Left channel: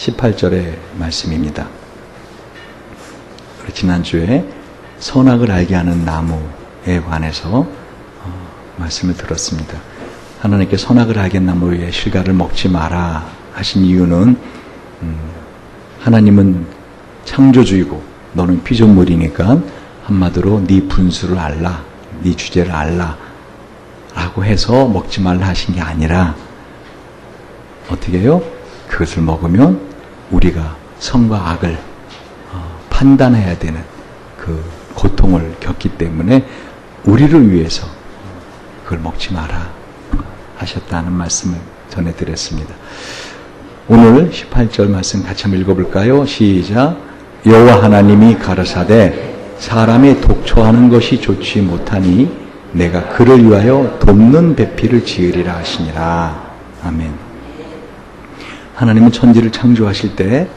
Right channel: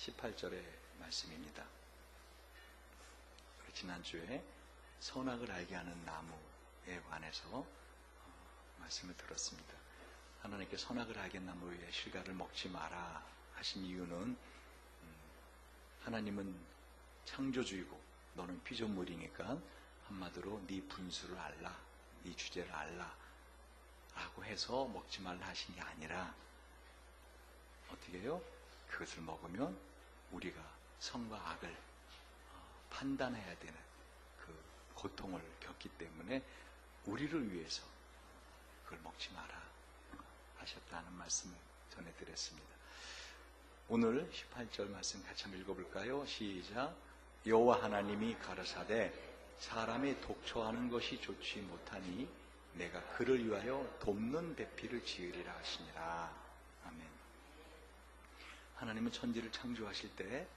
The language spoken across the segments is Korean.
18절의 말씀입니다. 우리 지난주에 선악을 알게 하는 나무에 관해서 말씀을 들었습니다. 하나님께 선악을 알게 하는 나무의 실과를 먹지 마라 하신 이유는 하나님은 창조주이고 너는 피조물이니까 한마디로 네 분수를 알라, 네 주제를 알라 라고 해서 먹지 말라 하신 게 아니라 어떻게 해요? 그것을 먹으면 우리가 선과 악을 판단해야 되는 그 고통을 겪기 때문에 우리를 위해서 그걸 먹지 마라 하셨다는 말씀을 전해드렸습니다. 오늘 18절 말씀 같이 한번 읽어볼까요? 시작. 여호와 하나님이 가라사대 사람이 독초하는 것이 좋지 못하니 내가 그를 위하여 돕는 배필을 지으리라 하시니라. 아멘. 하나님은 천지를 창조하실 때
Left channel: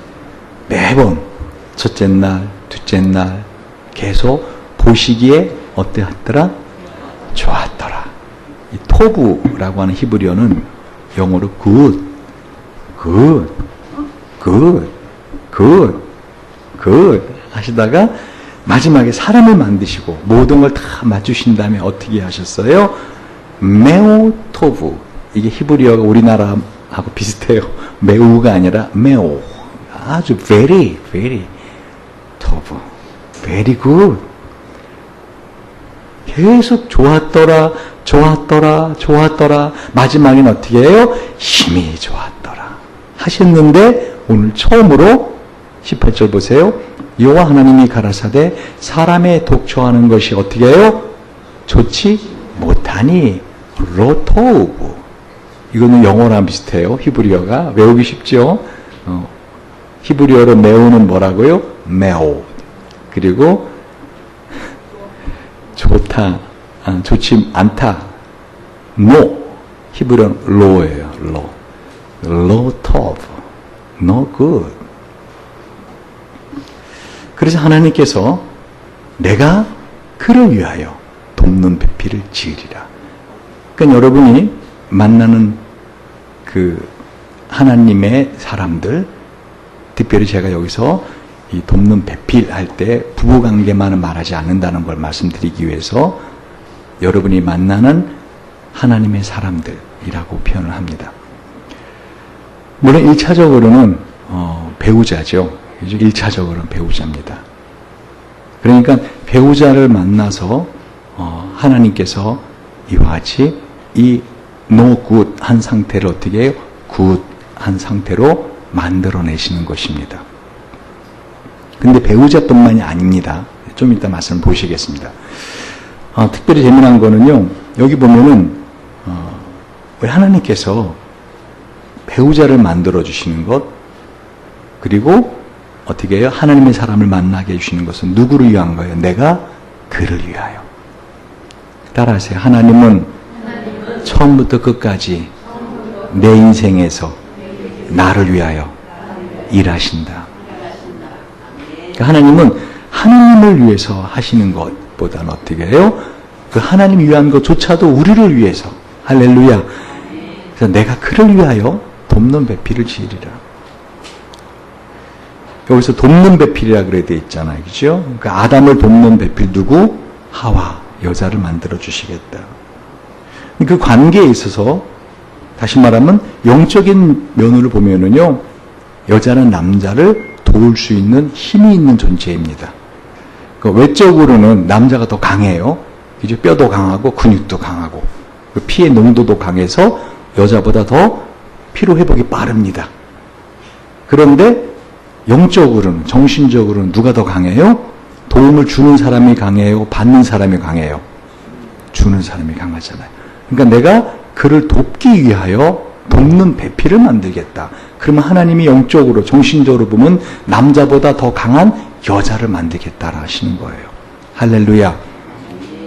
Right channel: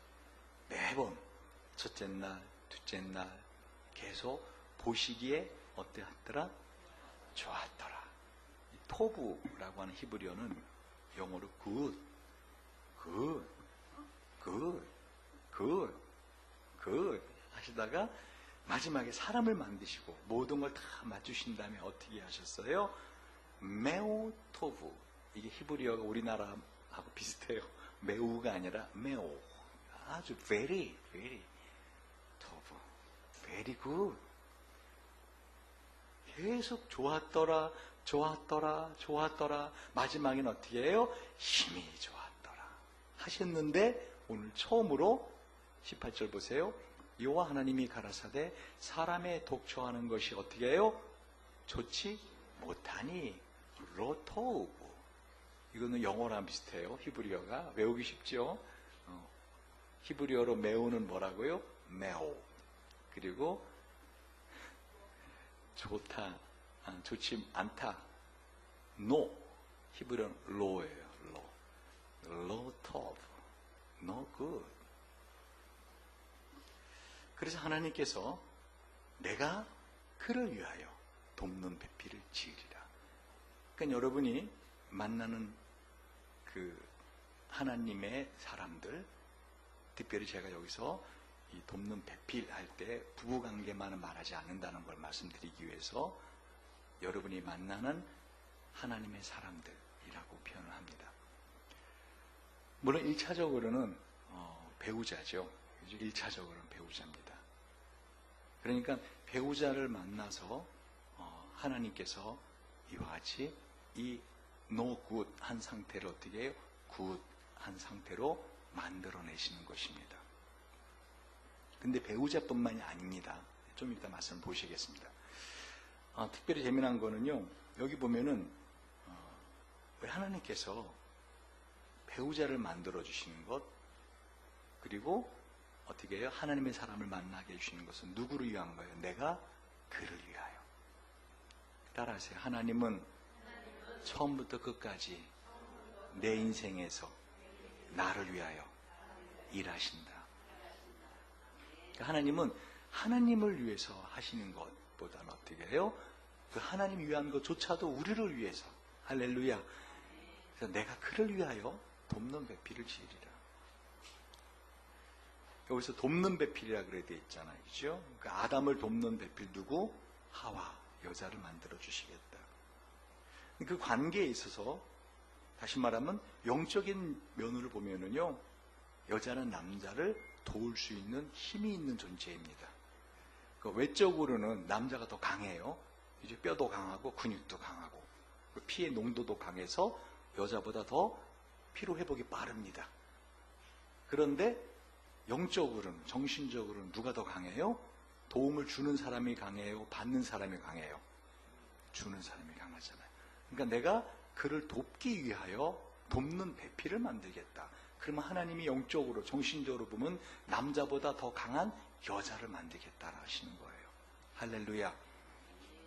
매번 첫째 날, 둘째 날 계속 보시기에 어떠했더라? 좋았더라. 이 토부라고 하는 히브리어는 영어로 good, good, good, good, good 하시다가 마지막에 사람을 만드시고 모든 걸 다 맞추신 다음에 어떻게 하셨어요? 메오 토부. 이게 히브리어가 우리나라하고 비슷해요. 매우가 아니라 메오. 아주 very, very 토부. very good. 계속 좋았더라, 좋았더라, 좋았더라. 마지막엔 어떻게 해요? 힘이 좋았더라 하셨는데 오늘 처음으로 18절 보세요. 여호와 하나님이 가라사대 사람의 독초하는 것이 어떻게 해요? 좋지 못하니 로토우브. 이거는 영어랑 비슷해요. 히브리어가 외우기 쉽죠. 히브리어로 매우는 뭐라고요? 메오. 그리고 좋다, 좋지 않다, no. 히브리어는 lo예요. low. 로토우브. no good. 그래서 하나님께서 내가 그를 위하여 돕는 배필을 지으리라. 그러니까 여러분이 만나는 그 하나님의 사람들, 특별히 제가 여기서 이 돕는 배필 할 때 부부관계만은 말하지 않는다는 걸 말씀드리기 위해서 여러분이 만나는 하나님의 사람들이라고 표현을 합니다. 물론 1차적으로는 배우자죠. 1차적으로는 배우자입니다. 그러니까 배우자를 만나서 하나님께서 이와 같이 이 no good 한 상태를 어떻게 해요? good 한 상태로 만들어내시는 것입니다. 근데 배우자뿐만이 아닙니다. 좀 이따 말씀을 보시겠습니다. 특별히 재미난 거는요. 여기 보면은 우리 하나님께서 배우자를 만들어주시는 것, 그리고 어떻게 해요? 하나님의 사람을 만나게 해주시는 것은 누구를 위한 거예요? 내가 그를 위하여. 따라하세요. 하나님은 처음부터 끝까지 내 인생에서 나를 위하여 일하신다. 그러니까 하나님은 하나님을 위해서 하시는 것보다는 어떻게 해요? 그 하나님 위한 것조차도 우리를 위해서. 할렐루야. 그래서 내가 그를 위하여 돕는 배필을 지으리라. 여기서 돕는 배필이라 그래 돼 있잖아요. 그죠? 그러니까 아담을 돕는 배필 누구? 하와. 여자를 만들어 주시겠다. 그 관계에 있어서 다시 말하면 영적인 면으로 보면은요. 여자는 남자를 도울 수 있는 힘이 있는 존재입니다. 그 외적으로는 남자가 더 강해요. 그죠? 뼈도 강하고 근육도 강하고 그 피의 농도도 강해서 여자보다 더 피로 회복이 빠릅니다. 그런데 영적으로는, 정신적으로는 누가 더 강해요? 도움을 주는 사람이 강해요? 받는 사람이 강해요? 주는 사람이 강하잖아요. 그러니까 내가 그를 돕기 위하여 돕는 배필을 만들겠다. 그러면 하나님이 영적으로, 정신적으로 보면 남자보다 더 강한 여자를 만들겠다라 하시는 거예요. 할렐루야.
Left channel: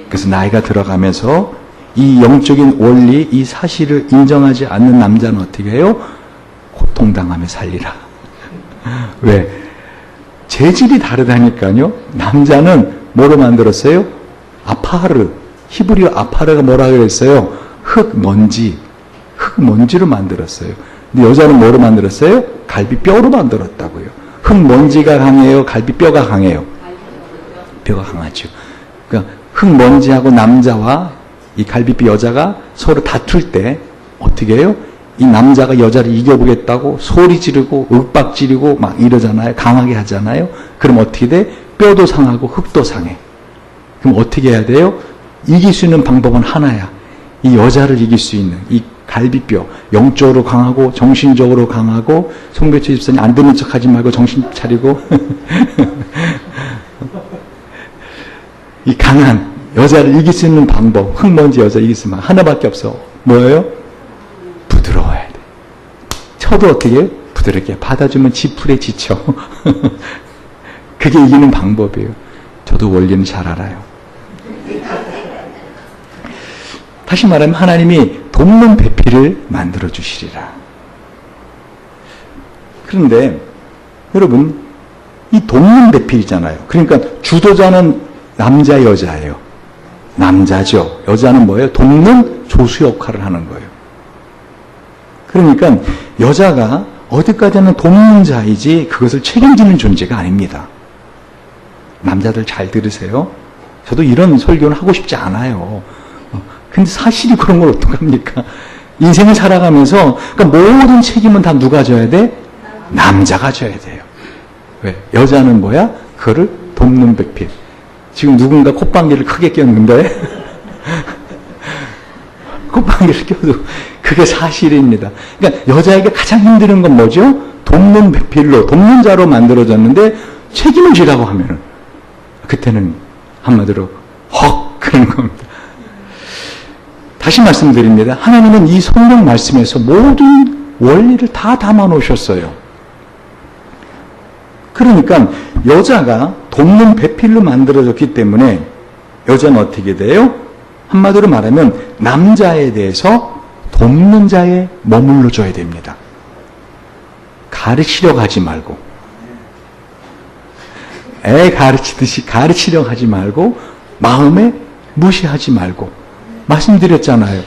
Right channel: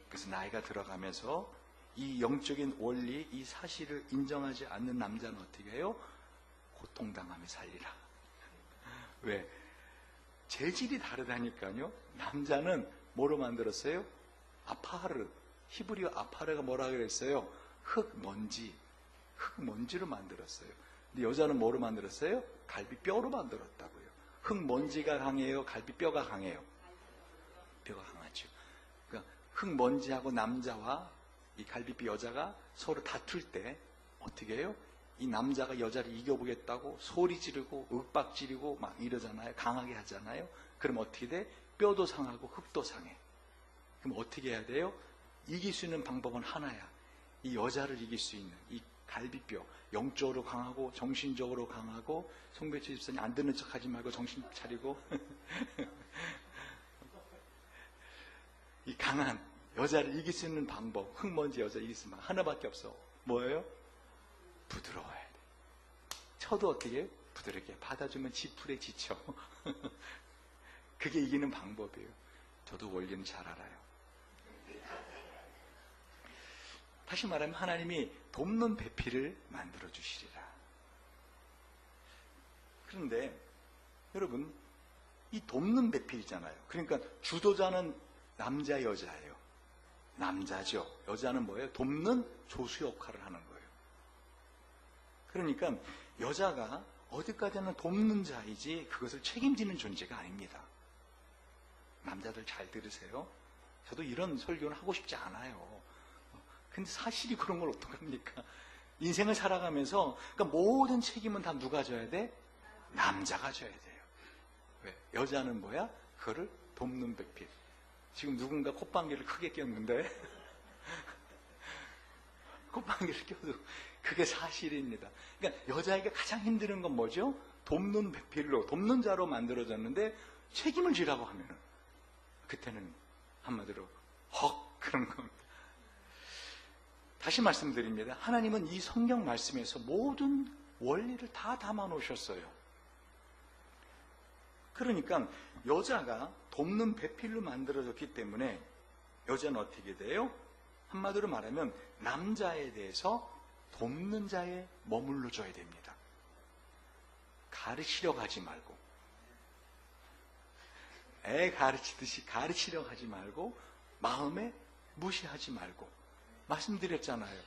그래서 나이가 들어가면서 이 영적인 원리, 이 사실을 인정하지 않는 남자는 어떻게 해요? 고통당하며 살리라. 왜? 재질이 다르다니까요. 남자는 뭐로 만들었어요? 아파르. 히브리어 아파르가 뭐라 그랬어요? 흙먼지로 만들었어요. 근데 여자는 뭐로 만들었어요? 갈비뼈로 만들었다고요. 흙먼지가 강해요? 갈비뼈가 강해요? 뼈가 강하죠. 그러니까 흙먼지하고 남자와 이 갈비뼈 여자가 서로 다툴 때 어떻게 해요? 이 남자가 여자를 이겨보겠다고 소리 지르고 윽박 지르고 막 이러잖아요. 강하게 하잖아요. 그럼 어떻게 돼? 뼈도 상하고 흙도 상해. 그럼 어떻게 해야 돼요? 이길 수 있는 방법은 하나야. 이 여자를 이길 수 있는 이 갈비뼈, 영적으로 강하고 정신적으로 강하고, 송배철 집사님 안 듣는 척 하지 말고 정신 차리고 이 강한 여자를 이길 수 있는 방법, 흙먼지 여자 이길 수 있는 방법 하나밖에 없어. 뭐예요? 부드러워야 돼. 쳐도 어떻게 해요? 부드럽게 받아주면 지풀에 지쳐. 그게 이기는 방법이에요. 저도 원리는 잘 알아요. 다시 말하면 하나님이 돕는 배필을 만들어 주시리라. 그런데 여러분, 이 돕는 배필이잖아요. 그러니까 주도자는 남자 여자예요. 남자죠. 여자는 뭐예요? 돕는 조수 역할을 하는 거예요. 그러니까 여자가 어디까지는 돕는 자이지 그것을 책임지는 존재가 아닙니다. 남자들 잘 들으세요. 저도 이런 설교는 하고 싶지 않아요. 근데 사실이 그런 걸 어떡합니까? 인생을 살아가면서 그러니까 모든 책임은 다 누가 져야 돼? 남자가 져야 돼요. 왜? 여자는 뭐야? 그거를 돕는 배필. 지금 누군가 콧방귀를 크게 꼈는데 콧방귀를 껴도 그게 사실입니다. 그러니까 여자에게 가장 힘든 건 뭐죠? 돕는 배필로, 돕는 자로 만들어졌는데 책임을 지라고 하면은 그때는 한마디로 헉 그런 겁니다. 다시 말씀드립니다. 하나님은 이 성경 말씀에서 모든 원리를 다 담아 놓으셨어요. 그러니까 여자가 돕는 배필로 만들어졌기 때문에 여자는 어떻게 돼요? 한마디로 말하면 남자에 대해서 돕는 자에 머물러줘야 됩니다. 가르치려고 하지 말고, 애 가르치듯이 가르치려고 하지 말고, 마음에 무시하지 말고, 말씀드렸잖아요.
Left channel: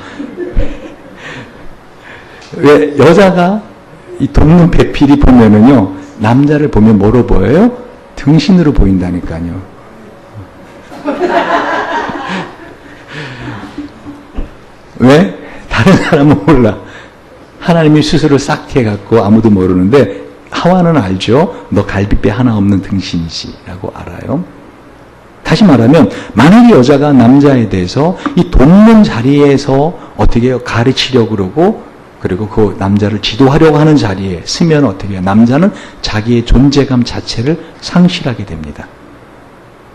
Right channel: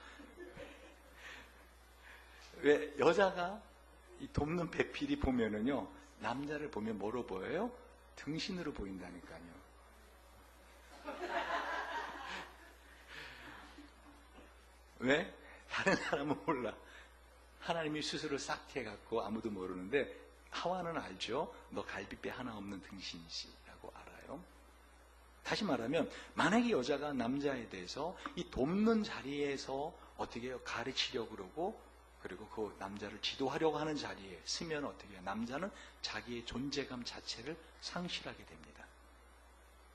왜 여자가 이 돕는 배필이 보면은요, 남자를 보면 뭐로 보여요? 등신으로 보인다니까요. 왜? 다른 사람은 몰라. 하나님이 스스로 싹 해갖고 아무도 모르는데 하와는 알죠. 너 갈비뼈 하나 없는 등신이지 라고 알아요. 다시 말하면 만약에 여자가 남자에 대해서 이 돕는 자리에서 어떻게 해요? 가르치려고 그러고 그리고 그 남자를 지도하려고 하는 자리에 쓰면 어떻게 해요? 남자는 자기의 존재감 자체를 상실하게 됩니다.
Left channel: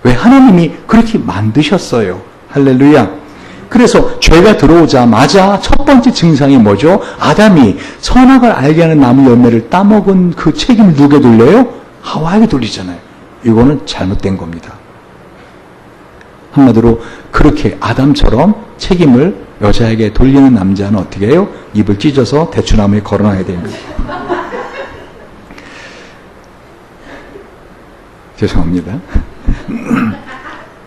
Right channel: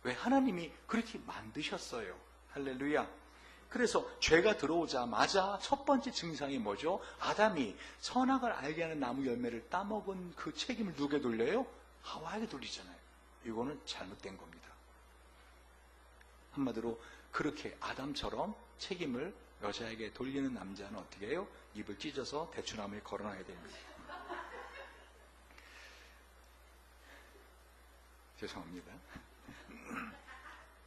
왜? 하나님이 그렇게 만드셨어요. 할렐루야. 그래서 죄가 들어오자마자 첫 번째 증상이 뭐죠? 아담이 선악을 알게 하는 나무 열매를 따먹은 그 책임을 누구에 돌려요? 하와에게 돌리잖아요. 이거는 잘못된 겁니다. 한마디로 그렇게 아담처럼 책임을 여자에게 돌리는 남자는 어떻게 해요? 입을 찢어서 대추나무에 걸어놔야 됩니다. 죄송합니다.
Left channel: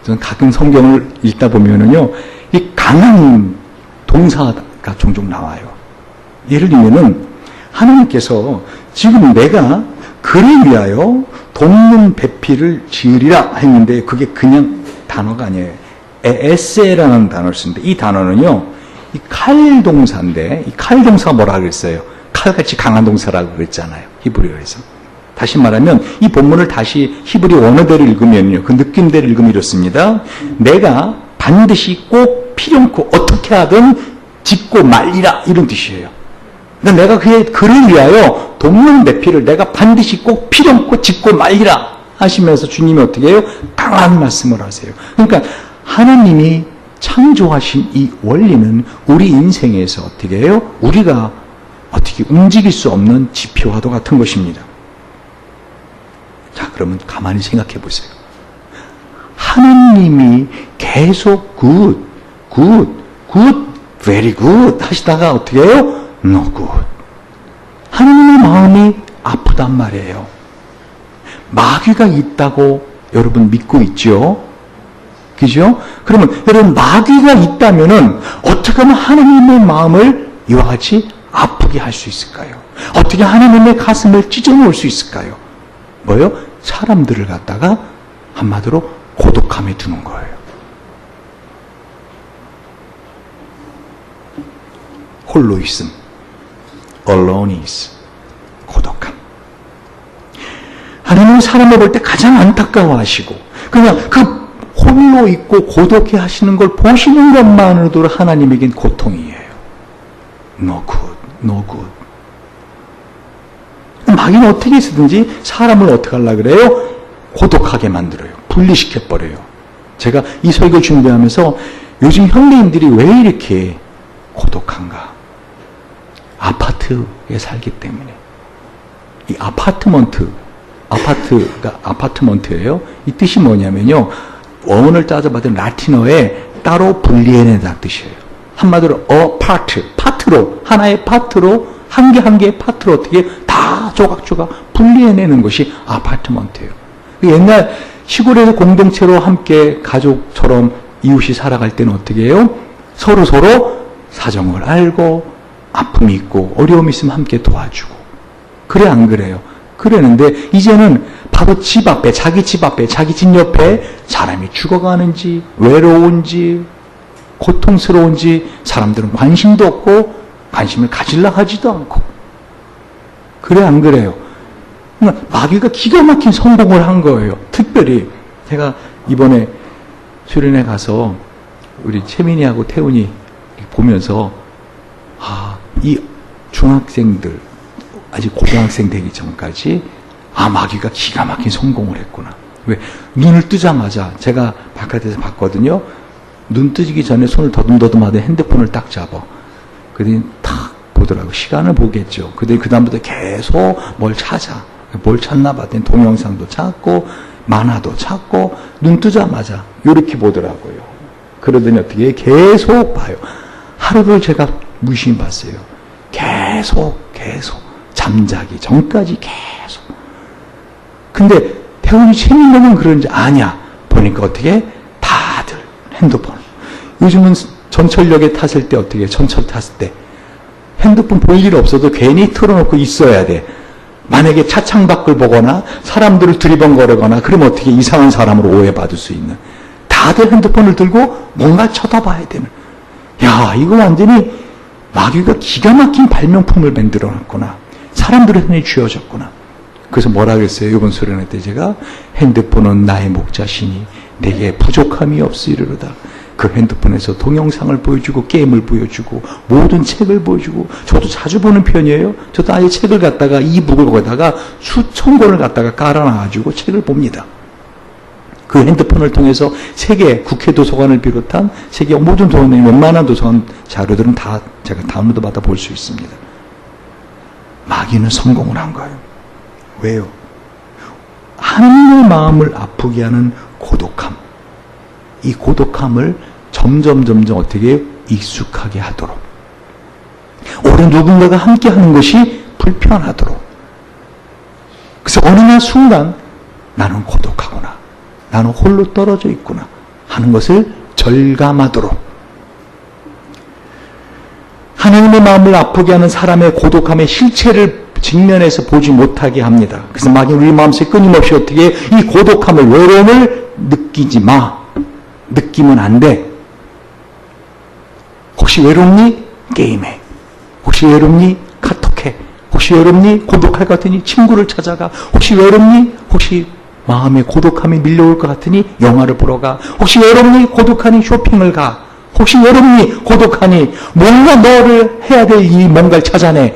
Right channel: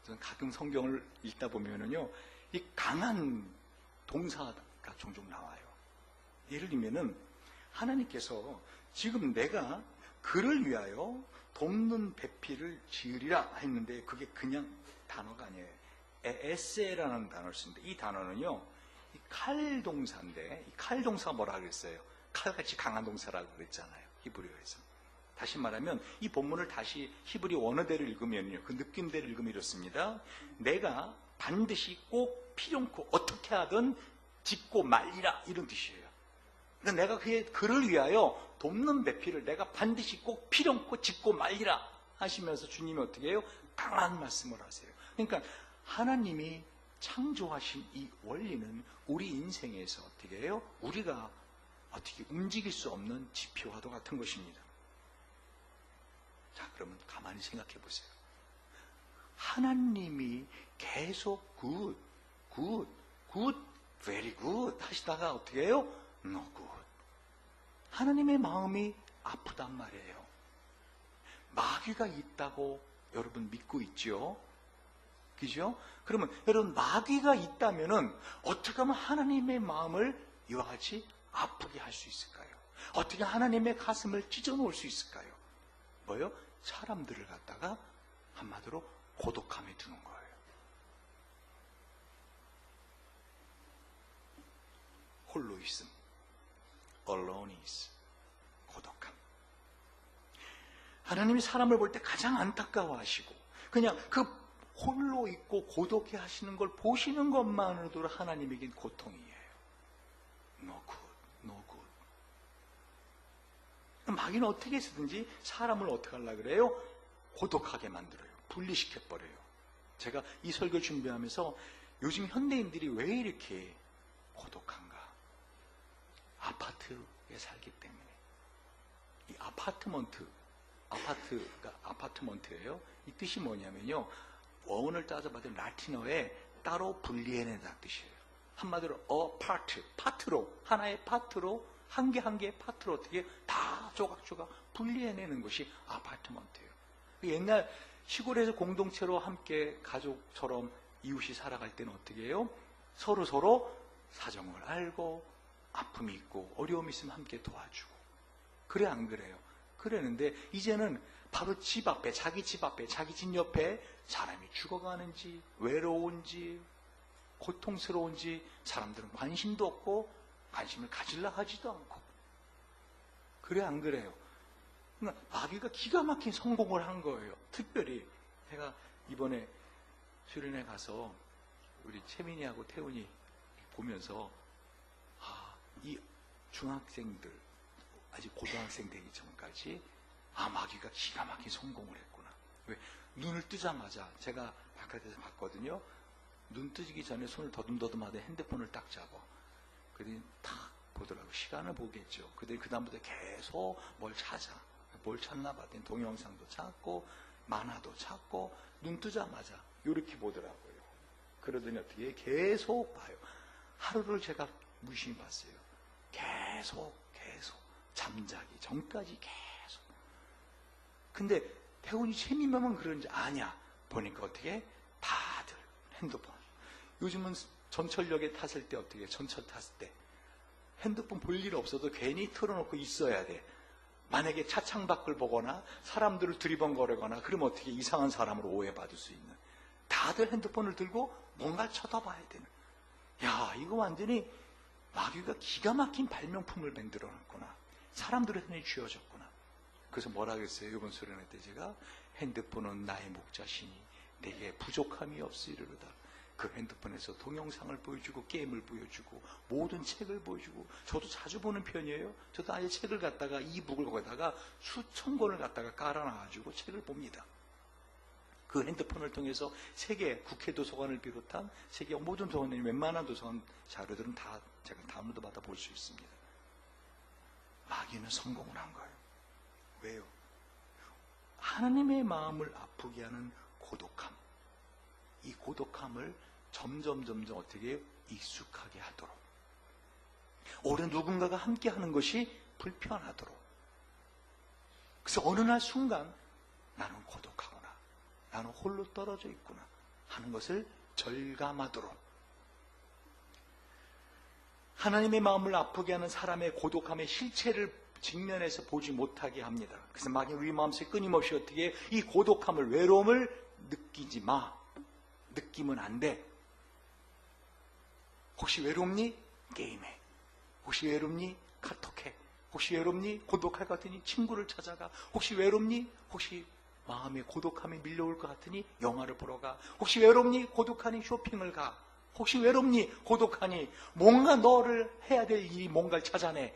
저는 가끔 성경을 읽다 보면은요, 이 강한 동사가 종종 나와요. 예를 들면은 하나님께서 지금 내가 그를 위하여 돕는 배필을 지으리라 했는데 그게 그냥 단어가 아니에요. 에세라는 단어를 쓰는데 이 단어는요, 이 칼 동사인데 이 칼 동사가 뭐라 그랬어요? 칼같이 강한 동사라고 그랬잖아요. 히브리어에서. 다시 말하면 이 본문을 다시 히브리 원어대로 읽으면요, 그 느낌대로 읽으면 이렇습니다. 내가 반드시 꼭 필요없고 어떻게 하든 짓고 말리라 이런 뜻이에요. 그러니까 내가 그를 위하여 돕는 배필을 내가 반드시 꼭 필요없고 짓고 말리라 하시면서 주님이 어떻게 해요? 강한 말씀을 하세요. 그러니까 하나님이 창조하신 이 원리는 우리 인생에서 어떻게 해요? 우리가 어떻게 움직일 수 없는 지표와도 같은 것입니다. 자, 그러면 가만히 생각해 보세요. 하나님이 계속 good, very good 하시다가 어떻게 해요? No good. 하나님의 마음이 아프단 말이에요. 마귀가 있다고 여러분 믿고 있죠? 그죠? 그러면 여러분 마귀가 있다면은 어떻게 하면 하나님의 마음을 이와 같이 아프게 할 수 있을까요? 어떻게 하나님의 가슴을 찢어놓을 수 있을까요? 뭐요? 사람들을 갖다가 한마디로 고독함에 두는 거예요. 홀로 있음, aloneness, 고독함. 하나님은 사람을 볼 때 가장 안타까워하시고 그냥 그 홀로 있고 고독해 하시는 걸 보시는 것만으로도 하나님에겐 고통이에요. No good, no good. 마귀는 어떻게 해서든지 사람을 어떻게 하려고 그래요? 고독하게 만들어요. 분리시켜버려요. 제가 이 설교 준비하면서 요즘 현대인들이 왜 이렇게 고독한가? 아파트에 살기 때문에. 이 아파트가 아파트먼트예요. 이 뜻이 뭐냐면요. 원어를 따져봤더니 라틴어에 따로 분리해낸다는 뜻이에요. 한마디로 파트로 하나의 파트로 한 개 한 개의 파트로 어떻게 다 조각조각 분리해내는 것이 아파트먼트예요. 옛날 시골에서 공동체로 함께 가족처럼 이웃이 살아갈 때는 어떻게 해요? 서로 사정을 알고 아픔이 있고 어려움이 있으면 함께 도와주고. 그래 안 그래요? 그랬는데 이제는 바로 집 앞에 자기 집 옆에 사람이 죽어가는지 외로운지 고통스러운지 사람들은 관심도 없고 관심을 가질라 하지도 않고. 그래 안 그래요? 마귀가 기가 막힌 성공을 한 거예요. 특별히 제가 이번에 수련회 가서 우리 채민이하고 태훈이 보면서 이 중학생들 아직 고등학생 되기 전까지 마귀가 기가 막힌 성공을 했구나. 왜? 눈을 뜨자마자 제가 바깥에서 봤거든요. 눈 뜨기 전에 손을 더듬더듬 하더니 핸드폰을 딱 잡아. 그랬더니 탁 보더라고. 시간을 보겠죠. 그랬더니 그 다음부터 계속 뭘 찾아. 뭘 찾나 봤더니 동영상도 찾고 만화도 찾고 눈 뜨자마자 이렇게 보더라고요. 그러더니 어떻게 계속 봐요. 하루를 제가 무심히 봤어요. 계속 잠자기 전까지 계속. 근데 태훈이 재밌는 그런지 아냐. 보니까 어떻게 다들 핸드폰. 요즘은 전철역에 탔을 때 어떻게 전철 탔을 때 핸드폰 볼 일 없어도 괜히 틀어놓고 있어야 돼. 만약에 차창 밖을 보거나 사람들을 두리번거리거나 그러면 어떻게 이상한 사람으로 오해받을 수 있는. 다들 핸드폰을 들고 뭔가 쳐다봐야 되는. 야, 이거 완전히 마귀가 기가 막힌 발명품을 만들어놨구나. 사람들의 손에 쥐어졌구나. 그래서 뭐라 그랬어요? 이번 수련회 때 제가 핸드폰은 나의 목자시니 내게 부족함이 없으리로다. 그 핸드폰에서 동영상을 보여주고 게임을 보여주고 모든 책을 보여주고 저도 자주 보는 편이에요. 저도 아예 책을 갖다가 이북을 거다가 수천 권을 갖다가 깔아놔가지고 책을 봅니다. 그 핸드폰을 통해서 세계 국회 도서관을 비롯한 세계 모든 도서관, 웬만한 도서관 자료들은 다 제가 다운로드 받아 볼 수 있습니다. 마귀는 성공을 한 거예요. 왜요? 하나님의 마음을 아프게 하는 고독함. 이 고독함을 점점 어떻게 익숙하게 하도록. 오래 누군가가 함께 하는 것이 불편하도록. 그래서 어느 날 순간 나는 고독하구나. 나는 홀로 떨어져 있구나 하는 것을 절감하도록. 하나님의 마음을 아프게 하는 사람의 고독함의 실체를 직면해서 보지 못하게 합니다. 그래서 마귀는 우리 마음속에 끊임없이 어떻게 이 고독함을, 외로움을 느끼지 마. 느끼면 안 돼. 혹시 외롭니? 게임해. 혹시 외롭니? 카톡해. 혹시 외롭니? 고독할 것 같으니 친구를 찾아가. 혹시 외롭니? 혹시 마음에 고독함이 밀려올 것 같으니 영화를 보러 가. 혹시 외롭니? 고독하니 쇼핑을 가. 혹시 외롭니? 고독하니 뭔가 너를 해야 될 이 뭔가를 찾아내.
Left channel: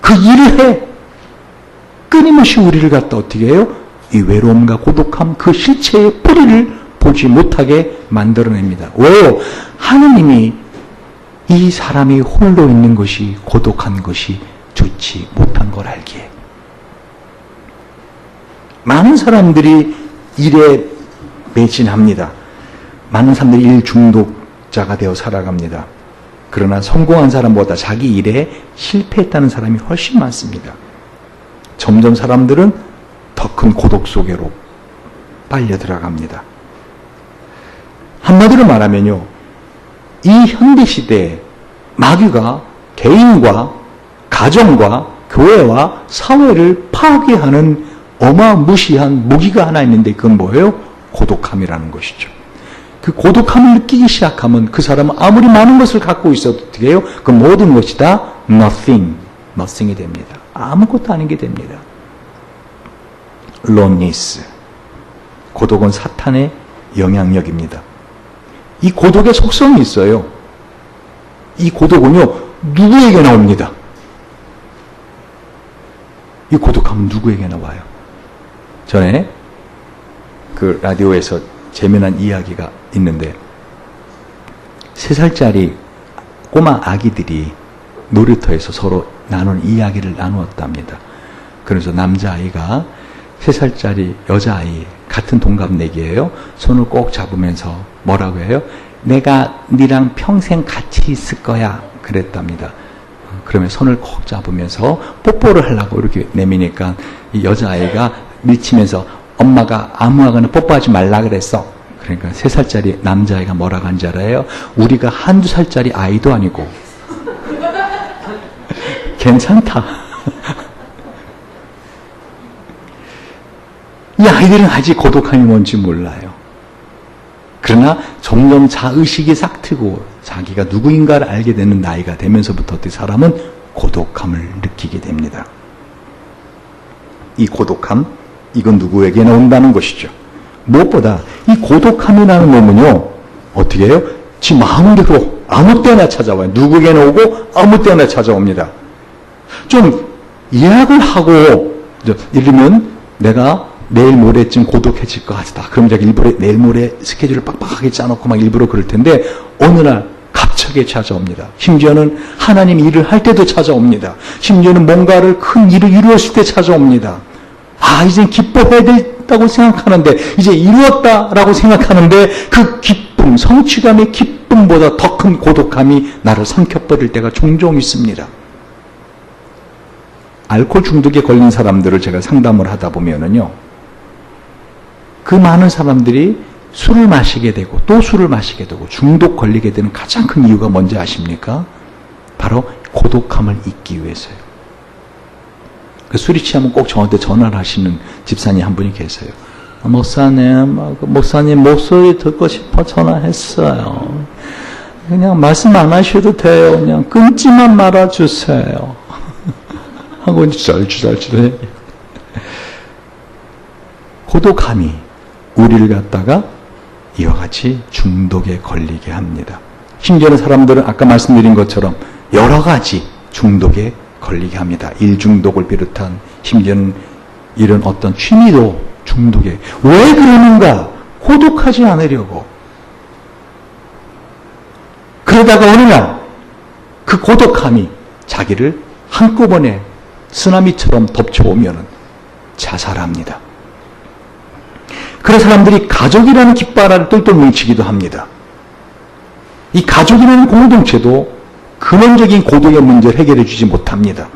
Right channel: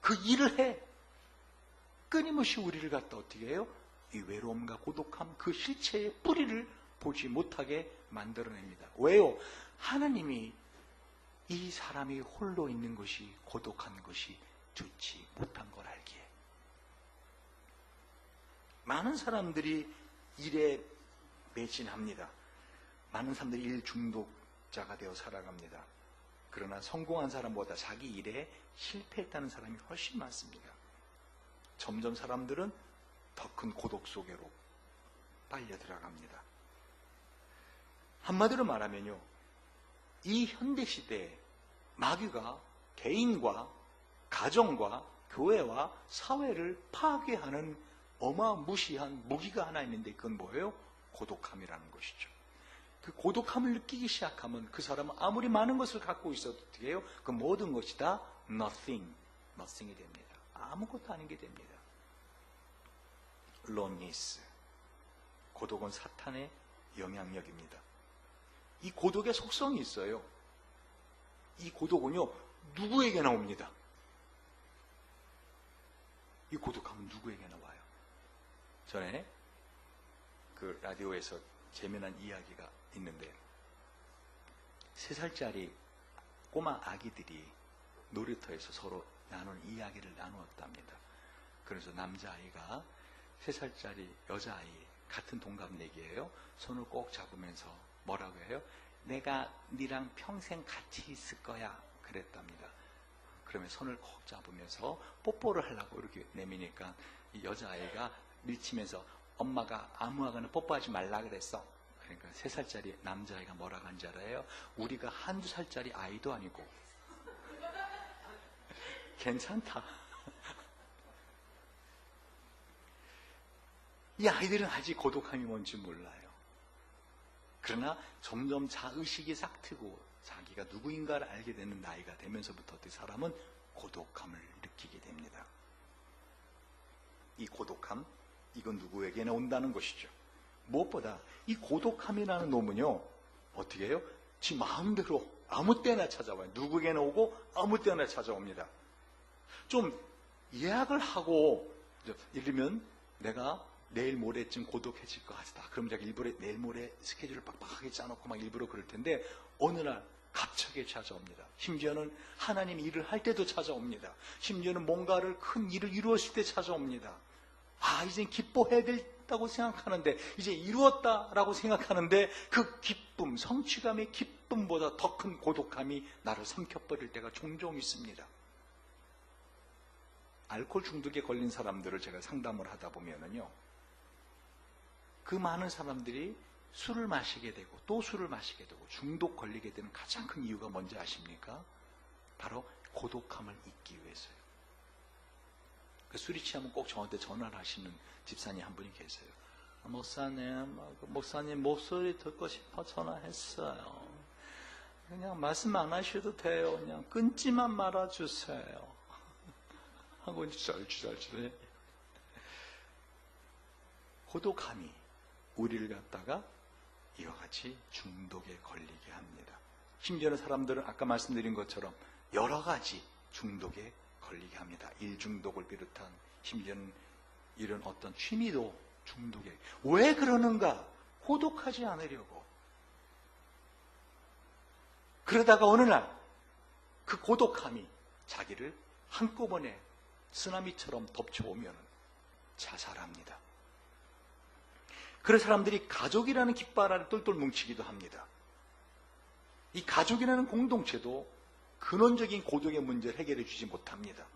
그 일을 해. 끊임없이 우리를 갖다 어떻게 해요? 이 외로움과 고독함 그 실체의 뿌리를 보지 못하게 만들어냅니다. 왜요? 하느님이 이 사람이 홀로 있는 것이 고독한 것이 좋지 못한 걸 알기에. 많은 사람들이 일에 매진합니다. 많은 사람들이 일 중독자가 되어 살아갑니다. 그러나 성공한 사람보다 자기 일에 실패했다는 사람이 훨씬 많습니다. 점점 사람들은 더 큰 고독 속으로 빨려 들어갑니다. 한마디로 말하면요, 이 현대시대에 마귀가 개인과 가정과 교회와 사회를 파괴하는 어마무시한 무기가 하나 있는데 그건 뭐예요? 고독함이라는 것이죠. 그 고독함을 느끼기 시작하면 그 사람은 아무리 많은 것을 갖고 있어도 어떻게 해요? 그 모든 것이 다 nothing이 됩니다. 아무것도 아닌 게 됩니다. loneliness. 고독은 사탄의 영향력입니다. 이 고독의 속성이 있어요. 이 고독은요, 누구에게나 옵니다. 이 고독함은 누구에게나 와요. 전에 그 라디오에서 재미난 이야기가 있는데 3살짜리 꼬마 아기들이 놀이터에서 서로 나눈 이야기를 나누었답니다. 그래서 남자아이가 3살짜리 여자아이 같은 동갑내기예요. 손을 꼭 잡으면서 뭐라고 해요? 내가 니랑 평생 같이 있을 거야 그랬답니다. 그러면 손을 꼭 잡으면서 뽀뽀를 하려고 이렇게 내미니까 이 여자아이가 밀치면서 엄마가 아무하거나 뽀뽀하지 말라 그랬어. 그러니까 3살짜리 남자아이가 뭐라고 한지 알아요? 우리가 한두 살짜리 아이도 아니고 괜찮다. 이 아이들은 아직 고독함이 뭔지 몰라요. 그러나 점점 자의식이 싹 트고 자기가 누구인가를 알게 되는 나이가 되면서부터 어떻게 사람은 고독함을 느끼게 됩니다. 이 고독함, 이건 누구에게나 온다는 것이죠. 무엇보다 이 고독함이라는 놈은요, 어떻게 해요? 지 마음대로 아무 때나 찾아와요. 누구에게나 오고 아무 때나 찾아옵니다. 좀 예약을 하고, 예를 들면 내가 내일 모레쯤 고독해질 것 같다. 그럼 제가 일부러 내일 모레 스케줄을 빡빡하게 짜놓고 막 일부러 그럴 텐데 어느 날 갑자기 찾아옵니다. 심지어는 하나님 일을 할 때도 찾아옵니다. 심지어는 뭔가를 큰 일을 이루었을 때 찾아옵니다. 아, 이제 기뻐해야 된다고 생각하는데 이제 이루었다라고 생각하는데 그 기쁨, 성취감의 기쁨보다 더 큰 고독함이 나를 삼켜버릴 때가 종종 있습니다. 알코올 중독에 걸린 사람들을 제가 상담을 하다 보면은요, 그 많은 사람들이 술을 마시게 되고 또 술을 마시게 되고 중독 걸리게 되는 가장 큰 이유가 뭔지 아십니까? 바로 고독함을 잊기 위해서요. 그 술이 취하면 꼭 저한테 전화를 하시는 집사님 한 분이 계세요. 목사님 목소리 듣고 싶어 전화했어요. 그냥 말씀 안 하셔도 돼요. 그냥 끊지만 말아주세요. 하고 쩔쩔쩔해. 고독함이 우리를 갖다가 이와 같이 중독에 걸리게 합니다. 심지어는 사람들은 아까 말씀드린 것처럼 여러 가지 중독에 걸리게 합니다. 일 중독을 비롯한 심지어는 이런 어떤 취미도 중독에. 왜 그러는가? 고독하지 않으려고. 그러다가 어느 날 그 고독함이 자기를 한꺼번에 쓰나미처럼 덮쳐오면 자살합니다. 그런 사람들이 가족이라는 깃발을 똘똘 뭉치기도 합니다. 이 가족이라는 공동체도 근원적인 고독의 문제를 해결해 주지 못합니다.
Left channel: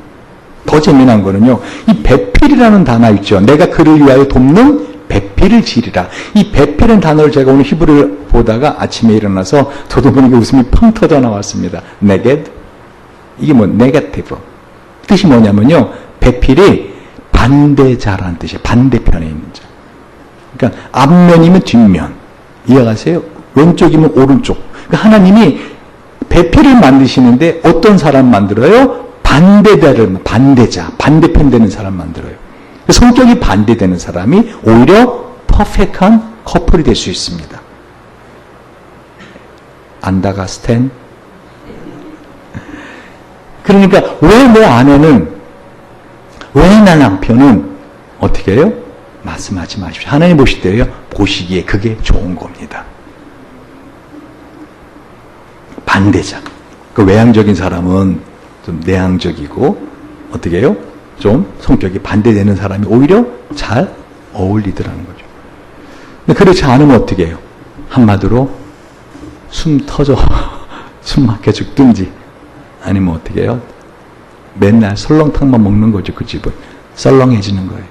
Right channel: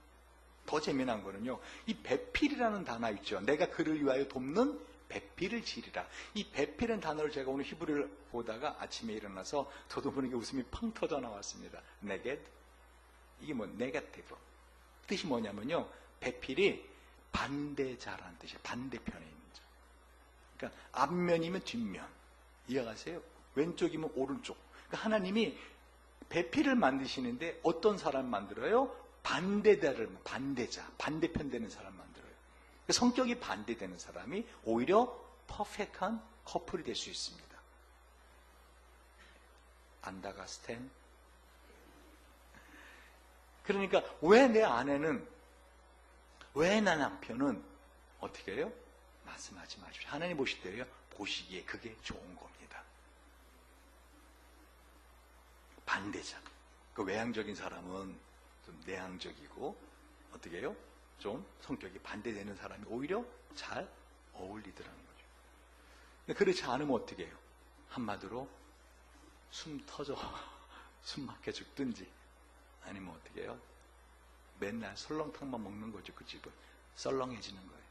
더 재미난 거는요, 이 배필이라는 단어 있죠. 내가 그를 위하여 돕는 배필을 지리라. 이 배필이라는 단어를 제가 오늘 히브리를 보다가 아침에 일어나서 저도 모르게 웃음이 펑 터져 나왔습니다. 네게드. 이게 뭐 네거티브. 뜻이 뭐냐면요, 배필이 반대자라는 뜻이에요. 반대편에 있는 자. 그러니까 앞면이면 뒷면. 이해가세요? 왼쪽이면 오른쪽. 그러니까 하나님이 배필을 만드시는데 어떤 사람 만들어요? 반대자, 반대편 되는 사람 만들어요. 성격이 반대되는 사람이 오히려 퍼펙트한 커플이 될 수 있습니다. 안다가스텐? 그러니까 왜 내 아내는, 왜 내 남편은 어떻게 해요? 말씀하지 마십시오. 하나님 보실 때요, 보시기에 그게 좋은 겁니다. 반대자. 그 외향적인 사람은 좀 내향적이고, 어떻게 해요? 좀 성격이 반대되는 사람이 오히려 잘 어울리더라는 거죠. 근데 그렇지 않으면 어떻게 해요? 한마디로 숨 터져, 숨 막혀 죽든지, 아니면 어떻게 해요? 맨날 설렁탕만 먹는 거죠, 그 집은. 썰렁해지는 거예요.